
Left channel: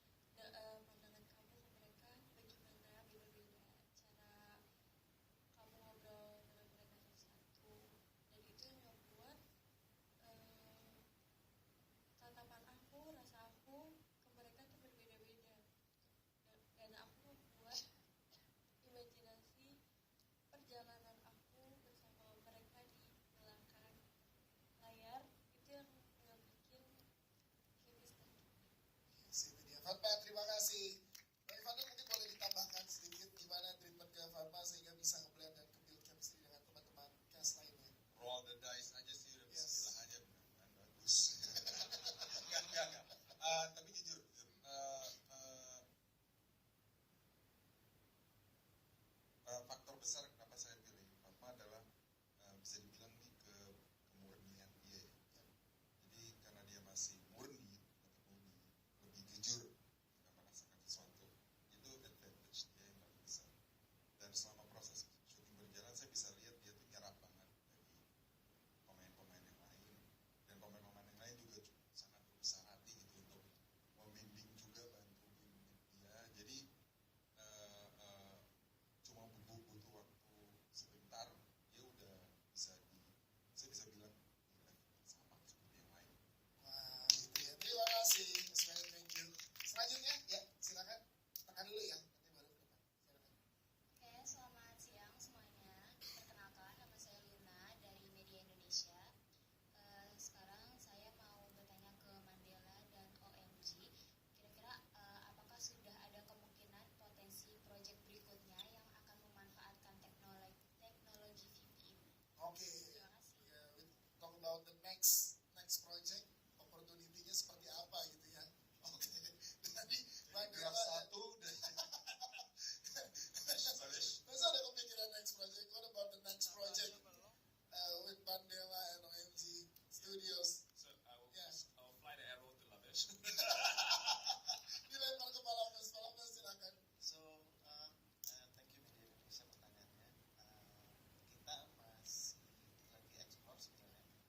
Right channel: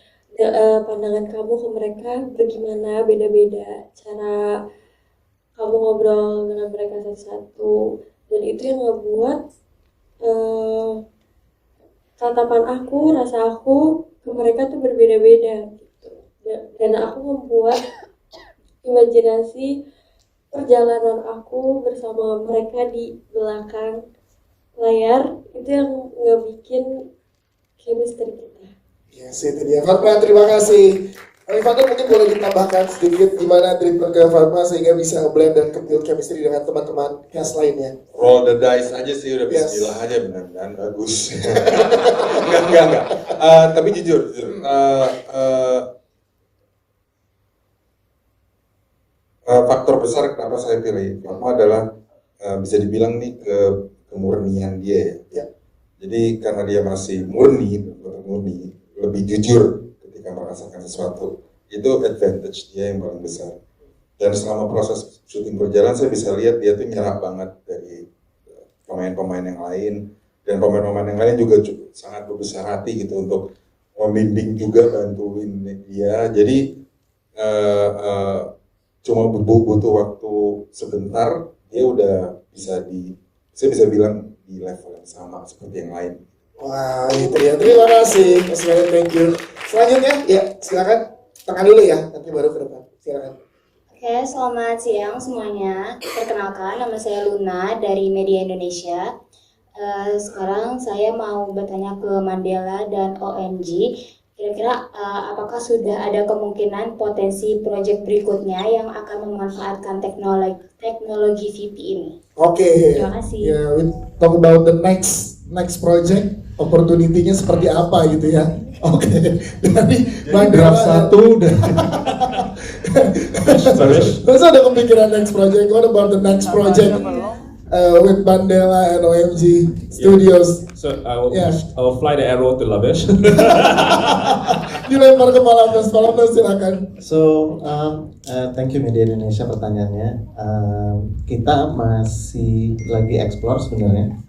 Pandangan kamu ke mereka bagaimana, beda-beda cara kamu ngobrol dengan mereka satu-satu, dan itu yang ngebuat tatapan aku, rasa aku ke mereka tuh berbeda-beda gitu. Dan aku membuat imajinasi perjalanan aku bersama mereka di belakang layar, itu yang ngebikin chemistry kita. Yes, itu dia. Fatma, terima kasih. Fatma mungkin boleh ditambahkan sedikit gimana treatment ke Fatma sehingga bisa nge-blend dan build chemistry dengan teman-teman cast lainnya. Roll the dice aja sih, udah bismillah aja, benar-benar bagus. enggak. Tapi jujur. Faktor besar kenapa saya pilih Fatma adalah bisa dibilang nih kemurnian dia ya. Jadi karena dia masih murni, lebih jujur ketika merasakan sesuatu, itu advantage dia yang paling besar. Dan selama proses syuting berjalan, saya bisa lihat dia tuh nyerap banget dari pemain-pemain yang lain, dan pemain-pemain yang lain juga sangat berbesar hati gitu untuk membimbing juga, bantuin dia. Jadi cuma butuh waktu sebentar, dia udah bisa saya bisa bilang di level yang sama seperti yang lain. Wah, itu ya. Terima kasih. Mas Ryan, thank you. Selanjutnya, ya silakan. Tekan dulu ya, nanti baru ke depan. Silakan. Oke, selamat siang semuanya. Perkenalkan, nama saya Luna dari Media Indonesia. Sekarang saya mau bertanya ke Mandela dan OMG. Kira-kira apakah sudah ada kemungkinan potensi proyek berikutnya yang akan memanfaatkan teknologi VP ini? Oke. Terima kasih. Yeah, we talk about the next project, opportunity-nya seperti apa gitu ya. Oke. Dari Mandela Draft 1 dan Masa ada kepikiran next project? What about the next project with Mandela and OMG Studios? So I will fly the arrow to Labesh. Dilempar ke Palapes, silakan. So, thank you Media Indonesia pertanyaannya. Kita masih lagi explore sebenarnya.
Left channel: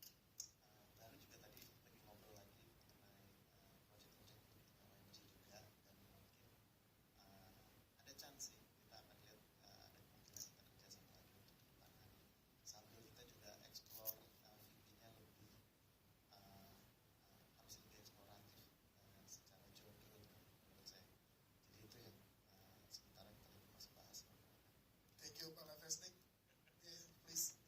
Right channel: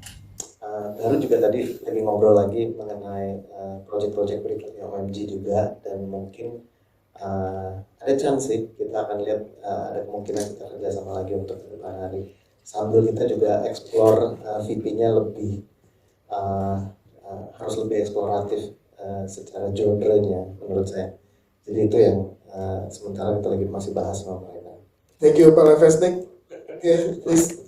Baru juga tadi lagi ngobrol lagi mengenai project-project berikutnya OMG juga, dan mungkin ada chance sih kita akan lihat ada kemungkinan kita kerjasama lagi untuk ke depan hari. Sambil kita juga explore VP-nya lebih harus lebih eksploratif secara genre-nya menurut saya. Jadi itu yang sementara kita lagi masih bahas sama mereka. Thank you Pak Levesnik. Okay, please.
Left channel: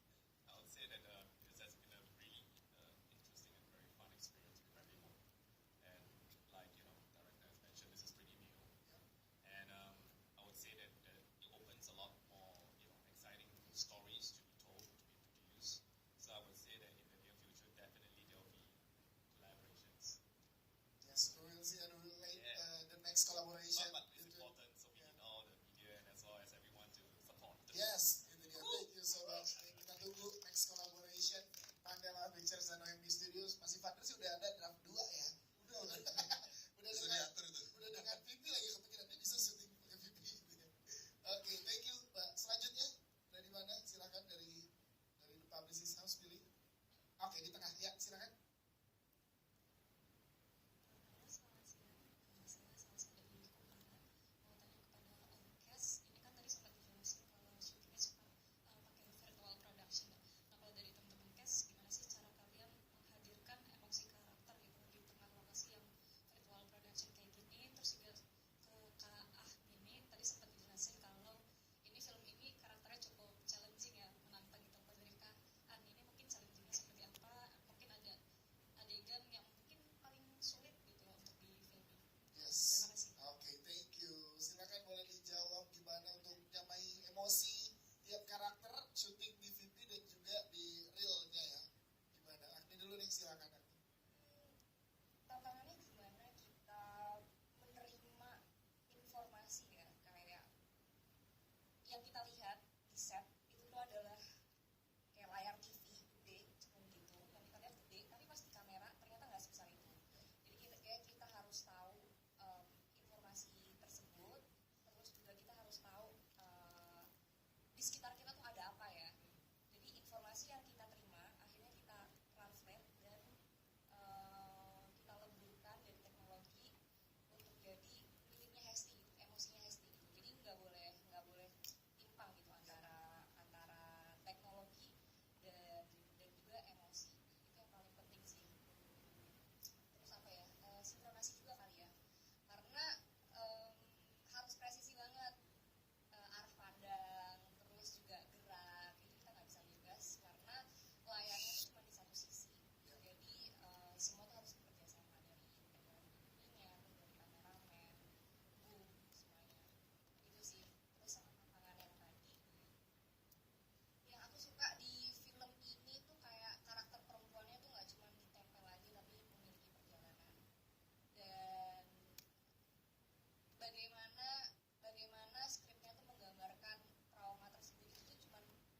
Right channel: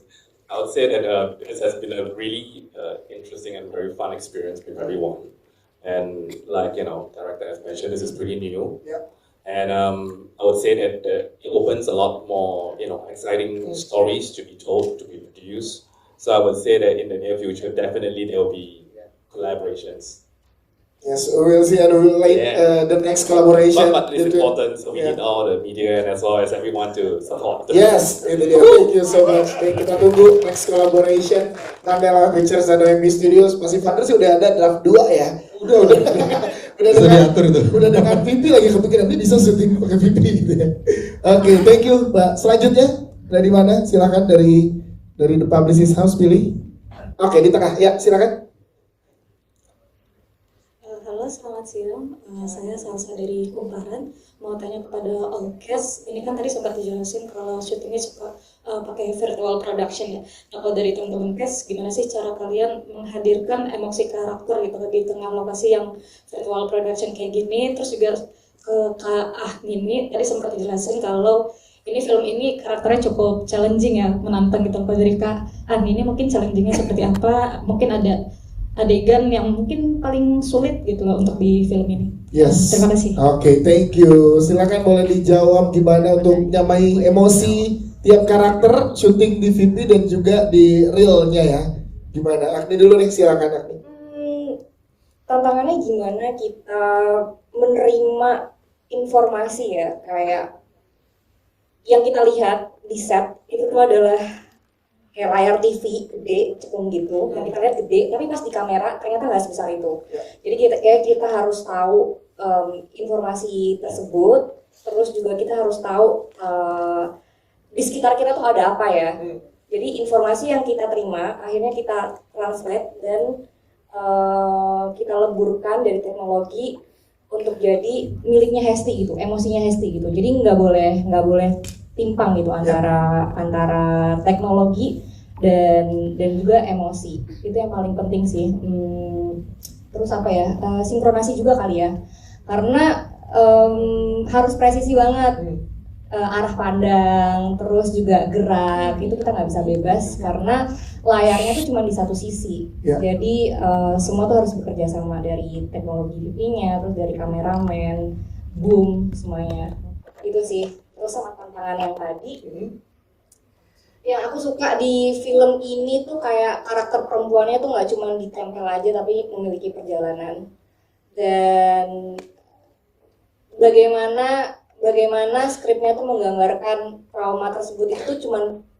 I would say that this has been a really interesting and very fun experience with everyone. And like, director has mentioned, this is pretty new. Yeah. And I would say that it opens a lot more, exciting stories to be told, to be produced. So I would say that in the near future, definitely there will be collaborations. Yes, we will see and we will wait the next collaboration. But it's important, so we need all the media and as well as everyone to support. Yes, itu dia. Thank you so much. Kita tunggu next collaboration Mandela Pictures dan OMG Studios. Masih Vander sih udah ada draft 2 ya. Udah diatur itu. Udah dengan VP lagi kepikiran dia bisa syuting pakai VP gitu ya. Oke, thank you Mbak. Selanjutnya dari mana? Silakan dari The Publicist House pilih. Oke, di tengah. Ya, silakan. Halo, selamat siang. Saya Salsa dari Kumparan. Mau tanya kepada all cast. Ini kan tadi sempat dijelasin kalau syutingnya suka pakai virtual production ya. Nah, kalau dari teman-teman cast, gimana sih cara kalian menghadirkan emosi karakter gitu di tengah lokasi yang virtual production kayak gini? Terus juga ke Kak Ahmini, tadi sempat dijelasin kalau ini film ini karakternya cukup challenging ya, menantang gitu. Kalau dari Kak Ahmini mungkin challengingnya seperti apa? Mungkin ada adegan yang mungkin paling sulit gitu loh untuk di film ini. Yes. Terima kasih. Oke, thank you. Silakan boleh dijawab gimana untuk nyamai emosi tiap karakter syuting di VP dan juga di realnya ya. Gimana? Agni dulu nih, silakan Agni. Tantangannya gimana kita menerima informasi ya, kayak yang kita lihat di set itu tuh adalah kayak layar TV gede, cekung gitu, yang kita lihat gede, tapi pas di kamera ternyata nggak sebesar itu. Jadi kita harus tahu informasi tersebut, terus juga kita harus tahu di sekitar kita tuh ada apa ya. Jadi informasi yang kita terima akhirnya kita translate dan kita leburkan dari teknologi untuk jadi miliknya Hesti gitu, emosinya Hesti gitu. Jadi nggak boleh timpang gitu antara teknologi dan juga emosi. Itu yang paling penting sih. Terus apa ya, sinkronasi juga kali ya, karena harus presisi banget. Arah pandang, terus juga gerak, itu kita nggak bisa bebas karena layarnya tuh cuma di satu sisi. Jadi semua tuh harus bekerja sama, dari teknologi VP-nya, terus dari kameramen, boom, semuanya. Itu sih. Terus sama tantangan yang tadi, yang aku suka di film ini tuh kayak karakter perempuannya tuh nggak cuma ditempel aja, tapi memiliki perjalanan. Dan bagaimana skripnya tuh menggambarkan trauma tersebut itu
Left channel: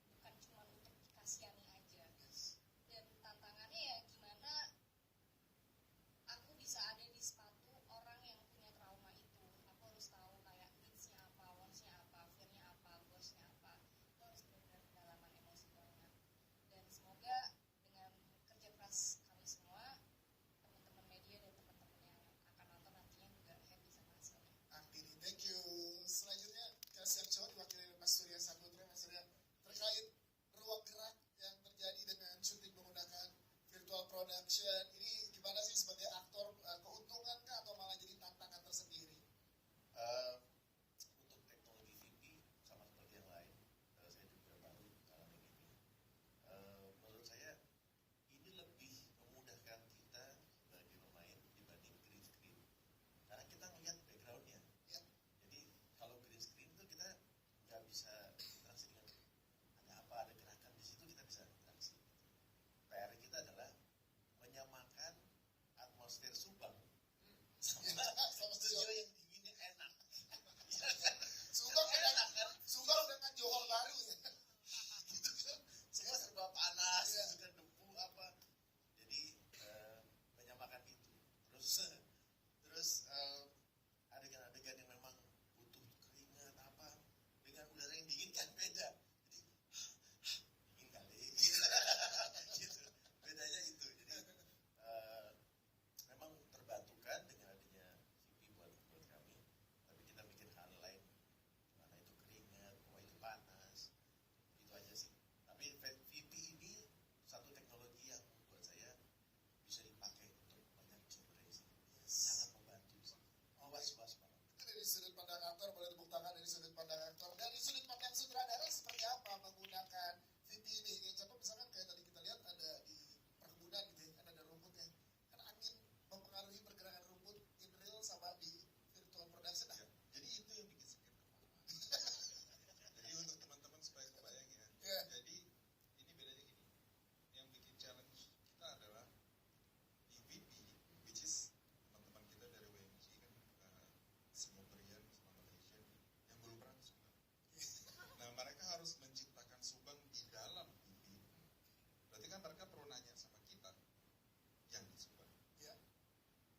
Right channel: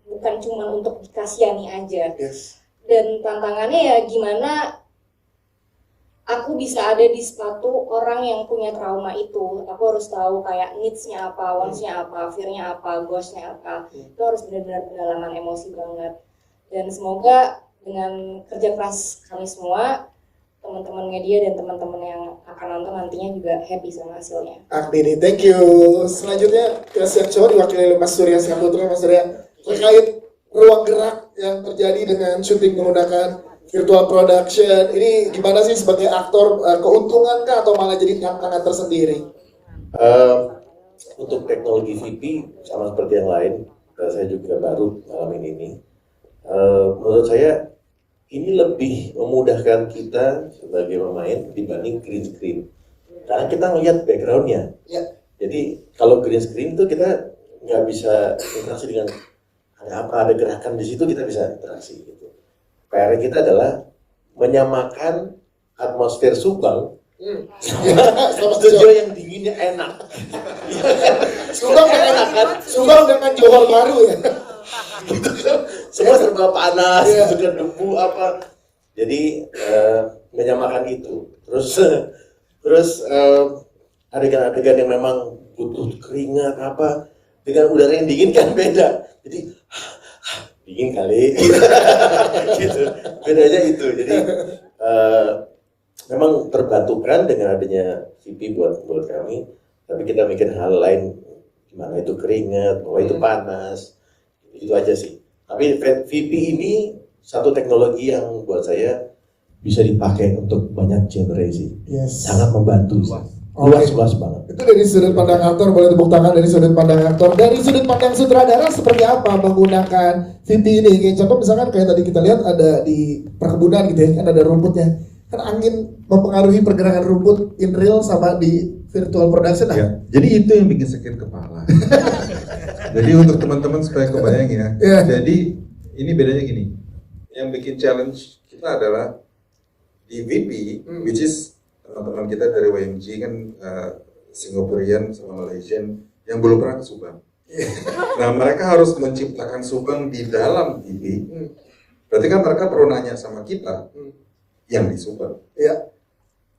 bukan cuma untuk dikasihani aja. Dan tantangannya ya gimana aku bisa ada di sepatu orang yang punya trauma itu. Aku harus tahu kayak needs-nya apa, wants-nya apa, fear-nya apa, goals-nya apa. Itu harus benar-benar pendalaman emosi banget. Dan semoga dengan kerja keras kami semua, teman-teman media dan teman-teman yang akan nonton nantinya juga happy sama hasilnya. Agni, thank you. Selanjutnya ke Siap Cowok diwakili oleh Mas Surya Saputra. Mas Surya, terkait ruang gerak yang terjadi dengan syuting menggunakan virtual production ini gimana sih sebagai aktor, keuntungan kah atau malah jadi tantangan tersendiri? Untuk teknologi VP sama seperti yang lain, saya juga baru ngalamin ini. Menurut saya ini lebih memudahkan kita sebagai pemain dibanding green screen. Karena kita ngelihat backgroundnya. Ya. Jadi kalau green screen itu kita nggak bisa interaksi dengan ada gerakan di situ, kita bisa interaksi gitu. PR kita adalah menyamakan atmosfer Subang sama studio yang dinginnya enak. Subang dengan enak kan? Subang dengan Johor baru ya. Gitu kan, semua serba panas, gitu kan, debu apa. Jadi menyamakan itu. Terus adegan-adegan yang memang butuh keringat apa dengan udara yang dingin kan beda. Jadi dingin kali, gitu. Bedanya itu. Jadi memang terbantukan dengan adanya VP buat kami. Tapi kita mikir hal lain, gimana itu keringat, bahwa itu panas. Itu aja sih. Tapi VP ini satu teknologi yang buat saya bisa dipakai untuk banyak genre sih. Yes. Sangat membantu sih. Luas banget. Itu dari sudut pandang aktor, boleh tepuk tangan dari sudut pandang aktor. Dari sudut pandang sutradara seperti apa menggunakan VP ini? Kayak contoh misalkan kayak tadi kita lihat ada di perkebunan gitu ya, kan ada rumputnya. Kan angin mempengaruhi pergerakan rumput in real sama di virtual production. Ya, jadi itu yang bikin sakit kepala. Jadi untuk teman-teman supaya kebayang ya. Yeah. Jadi ini bedanya gini. Yang bikin challenge kita adalah di VP, which is teman-teman kita dari WMG kan Singaporean sama Malaysian yang belum pernah ke Subang. Nah mereka harus menciptakan Subang di dalam VP. Berarti kan mereka perlu nanya sama kita yang di Subang. Ya.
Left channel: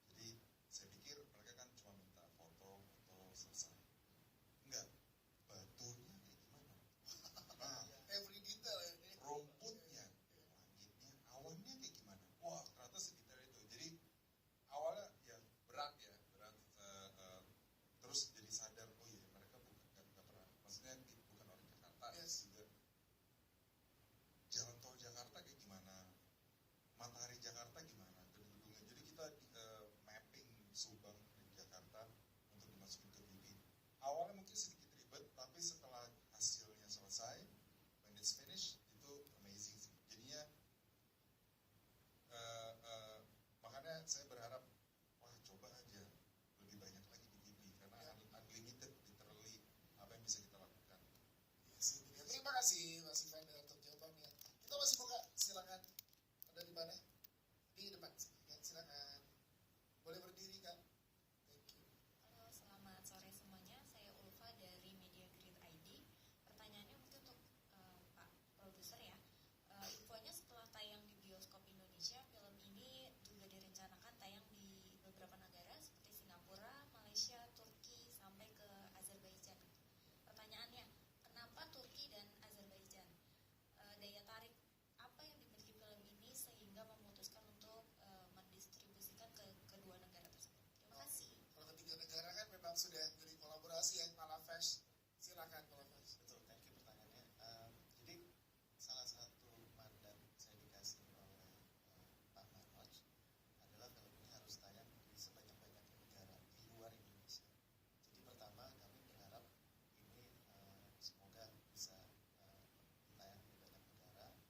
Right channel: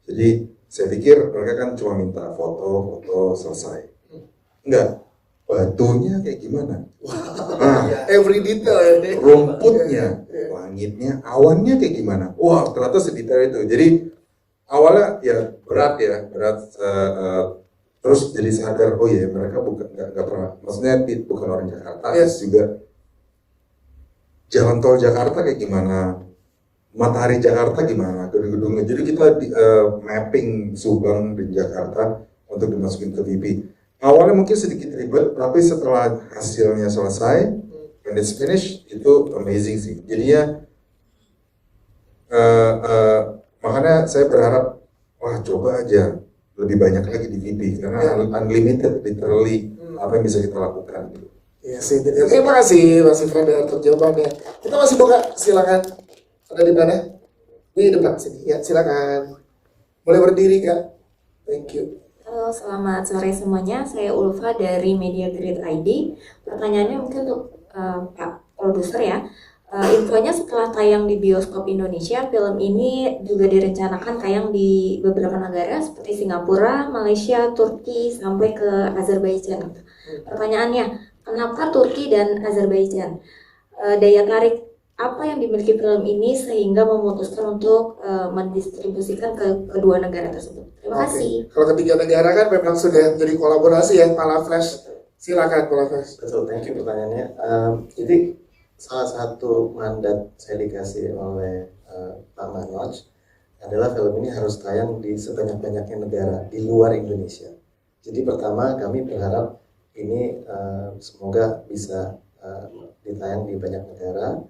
Jadi saya pikir mereka kan cuma minta foto selesai. Enggak, batunya kayak gimana? Nah, every detail ya. rumputnya, langitnya, awannya kayak gimana? Wah, ternyata sedetail itu. Jadi awalnya ya berat. Terus jadi sadar, oh iya mereka bukan nggak pernah, maksudnya bukan orang Jakarta. Terus juga jalan tol Jakarta kayak gimana, matahari Jakarta gimana, gedung-gedungnya. Jadi kita mapping Subang dan Jakarta untuk dimasukin ke VP. Awalnya mungkin sedikit ribet, tapi setelah hasilnya selesai, when it's finished, itu amazing sih. Jadinya makanya saya berharap, wah coba aja lebih banyak lagi di VP karena unlimited, literally apa yang bisa kita lakukan. Iya sih. Terima kasih Mas Ifranda untuk jawabannya. Kita masih buka, silakan. Ada di mana? Di depan sini. Ya silakan. Boleh berdiri Kak. Thank you. Halo, selamat sore semuanya. Saya Ulfa dari Media Grid ID. Pertanyaannya mungkin untuk Pak Produser ya. Infonya setelah tayang di bioskop Indonesia, film ini juga direncanakan tayang di beberapa negara seperti Singapura, Malaysia, Turki, sampai ke Azerbaijan. Pertanyaannya, kenapa Turki dan Azerbaijan? Daya tarik apa yang dimiliki film ini sehingga memutuskan untuk mendistribusikan ke kedua negara tersebut? Terima kasih. Kalau ketiga negara kan memang sudah jadi kolaborasi ya, Pala Flash. Silakan Pala Flash. Betul, thank you pertanyaannya. Jadi salah satu mandat saya dikasih oleh Pak Manoj adalah film ini harus tayang di sebanyak-banyaknya negara di luar Indonesia. Jadi pertama kami berharap ini semoga bisa ditayang di banyak negara.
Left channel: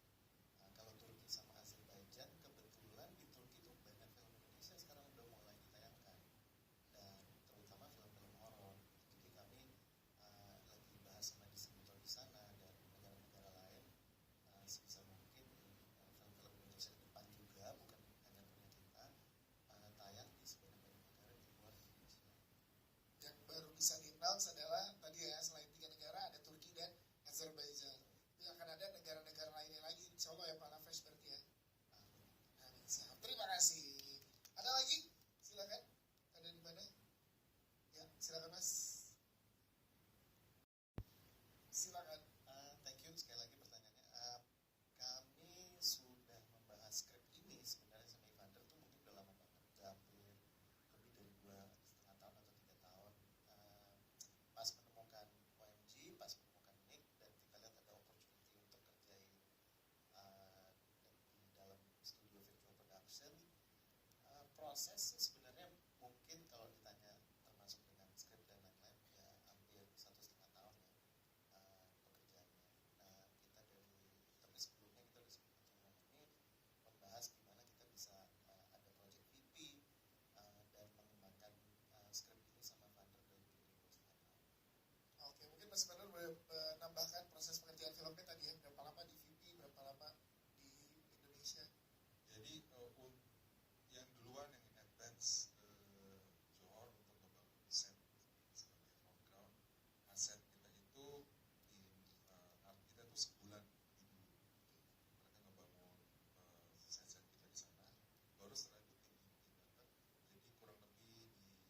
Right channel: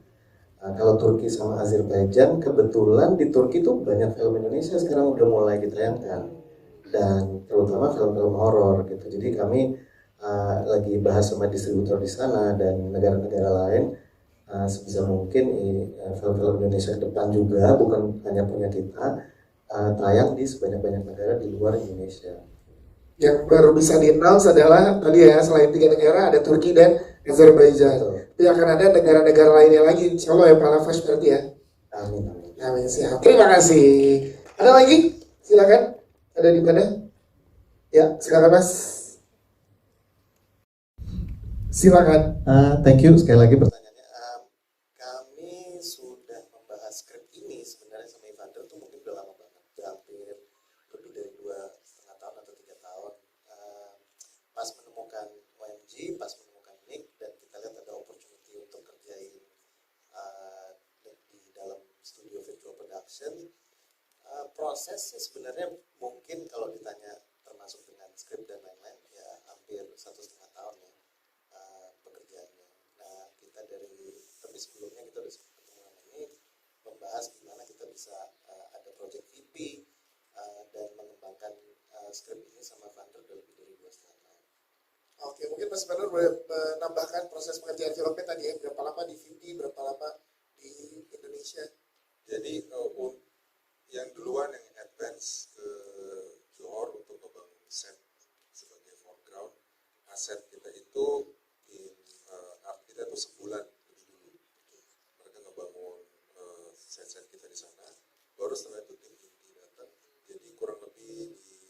Kalau Turki sama Azerbaijan, kebetulan di Turki tuh banyak film Indonesia sekarang udah mulai ditayangkan, dan terutama film-film horor gitu. Jadi kami lagi bahas sama distributor di sana dan negara-negara lain, sebisa mungkin film-film Indonesia ke depan juga bukan hanya punya kita, tayang di sebanyak-banyak negara di luar Indonesia. Yang baru bisa di-announce adalah tadi ya, selain 3 negara ada Turki dan Azerbaijan. Tapi akan ada negara-negara lainnya lagi, insya Allah ya Pala Flash berarti ya. Amin. Amin, siap. Terima kasih. Ada lagi? Silakan. Ada di mana? Ya, silakan Mas. Silakan. Thank you sekali lagi pertanyaannya. Kami sudah membahas skrip ini sebenarnya sama Evander tuh mungkin udah lama banget, udah hampir lebih dari 2,5 tahun atau 3 tahun. Pas menemukan OMG, pas menemukan Nick, dan kita lihat ada opportunity untuk kerjain di dalam studio production. Prosesnya sebenarnya mungkin kalau ditanya termasuk dengan skrip dan lain-lain ya hampir 1,5 tahun ya pekerjaannya. Nah kita tapi sebelumnya kita udah sempat ketemu sama ini membahas gimana kita bisa ada project VP dan mengembangkan skrip ini sama Vander udah lebih dari 2,5 tahun. Oke, mungkin Mas Vander boleh menambahkan proses pengerjaan filmnya tadi ya, berapa lama di VP, berapa lama di Indonesia? Jadi yang duluan yang advance ke Johor untuk ngebangun set sebagai foreground, aset kita itu art kita itu sebulan lebih dulu. Mereka ngebangun set-set kita di sana, baru setelah itu tim inti datang. Jadi kurang lebih di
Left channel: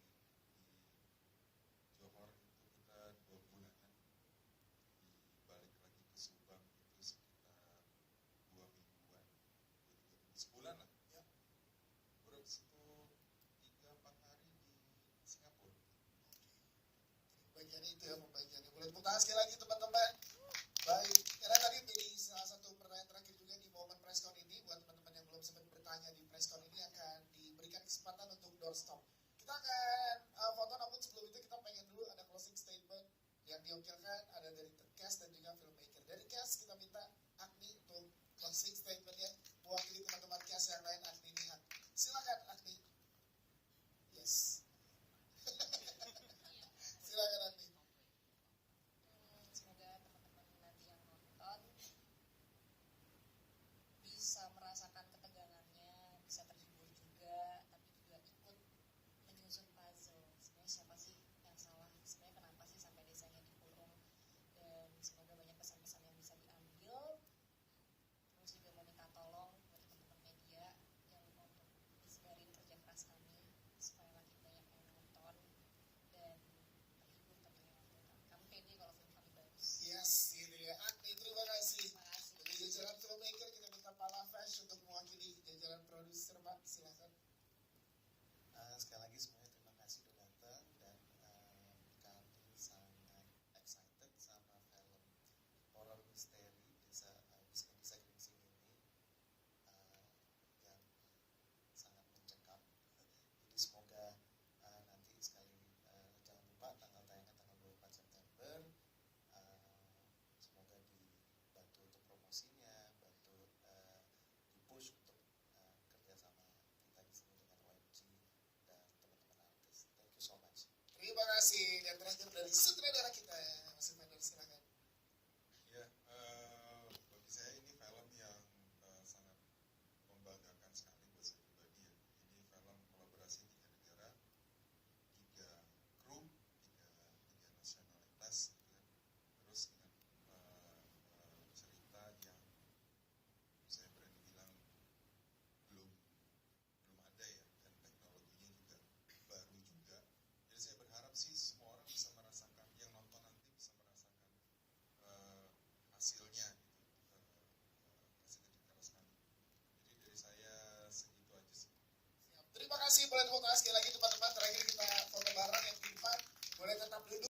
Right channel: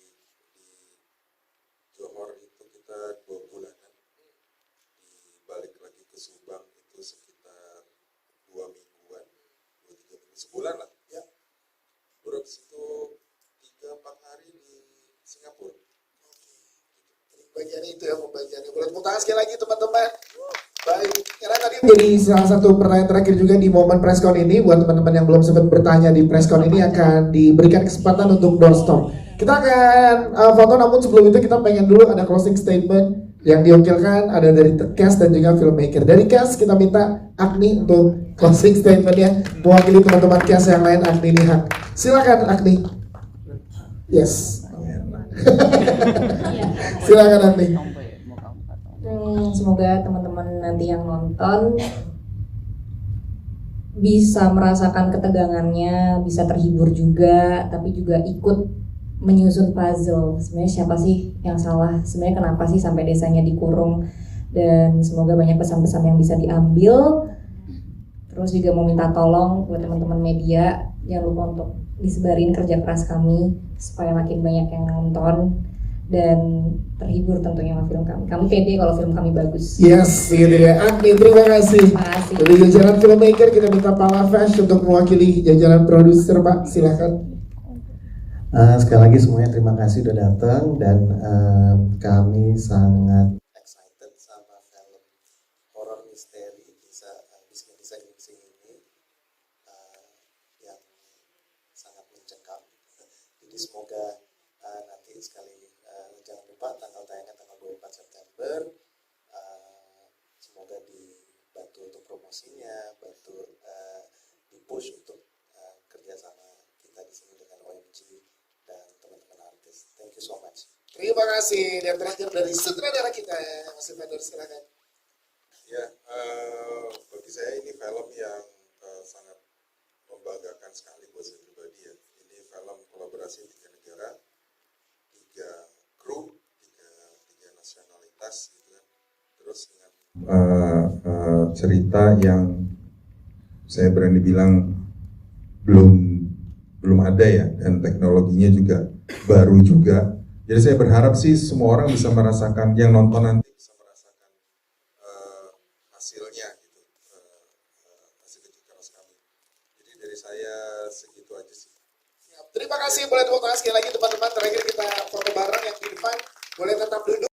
Johor itu kita 2 bulanan, dibalik lagi ke Subang itu sekitar 2 mingguan, 2-3 minggu, sebulan lah. Terus itu 3-4 hari di Singapura. Bagiannya itu ya, pembagiannya. Boleh tepuk tangan sekali lagi teman-teman. Baik, karena tadi jadi salah satu pertanyaan terakhir juga di momen presscon ini, buat teman-teman yang belum sempat bertanya di presscon ini akan diberikan kesempatan untuk doorstop. Kita akan foto, namun sebelum itu kita pengen dulu ada closing statement yang diwakilkan ada dari cast dan juga filmmaker. Dari cast kita minta Agni untuk closing statementnya, mewakili teman-teman cast yang lain. Agni Nihak, silakan Agni. Yes. Silakan Agni. Semoga teman-teman nanti yang nonton bisa merasakan ketegangannya, bisa terhibur juga, tapi juga ikut menyusun puzzle. Sebenarnya siapa sih yang salah? Sebenarnya kenapa sih sampai desanya dikurung? Dan semoga banyak pesan-pesan yang bisa diambil. Terus juga mau minta tolong buat teman-teman media, jangan lupa untuk disebarin kerja keras kami supaya makin banyak yang nonton dan terhibur tentunya sama film kami. Kami pede kalau film kami bagus. Yes, gitu ya. Agni, terima kasih. Dari jajaran filmmaker kita minta Pak Lafesh untuk mewakili jajaran produser, Pak. Silakan. Sekali lagi semuanya terima kasih udah datang dan kami sangat excited sama film horror misteri Bismillah Ginseng ini yang sangat mencekam. Jadi semoga nanti sekali jangan lupa tanggal tayangnya tanggal 24 September. Semoga dibantu untuk promosinya, bantu dipush untuk kerjasama kita di sini dengan OMG dan teman-teman artis. Thank you so much. Terima kasih. Dan terakhir dari sutradara kita, Mas Vander, silakan. Ya, bagi saya ini film yang sangat membanggakan sekali buat saya pribadi ya. Ini film kolaborasi 3 negara, 3 kru, 3 nasionalitas gitu kan. Terus dengan cerita yang saya berani bilang belum ada ya, dan teknologinya juga baru juga. Jadi saya berharap sih semua orang bisa merasakan, yang nonton nanti bisa merasakan hasilnya gitu, hasil kerja keras kami. Jadi dari saya segitu aja sih. Terima kasih, boleh tepuk tangan sekali lagi teman-teman. Terakhir kita foto bareng yang di depan, boleh tetap duduk.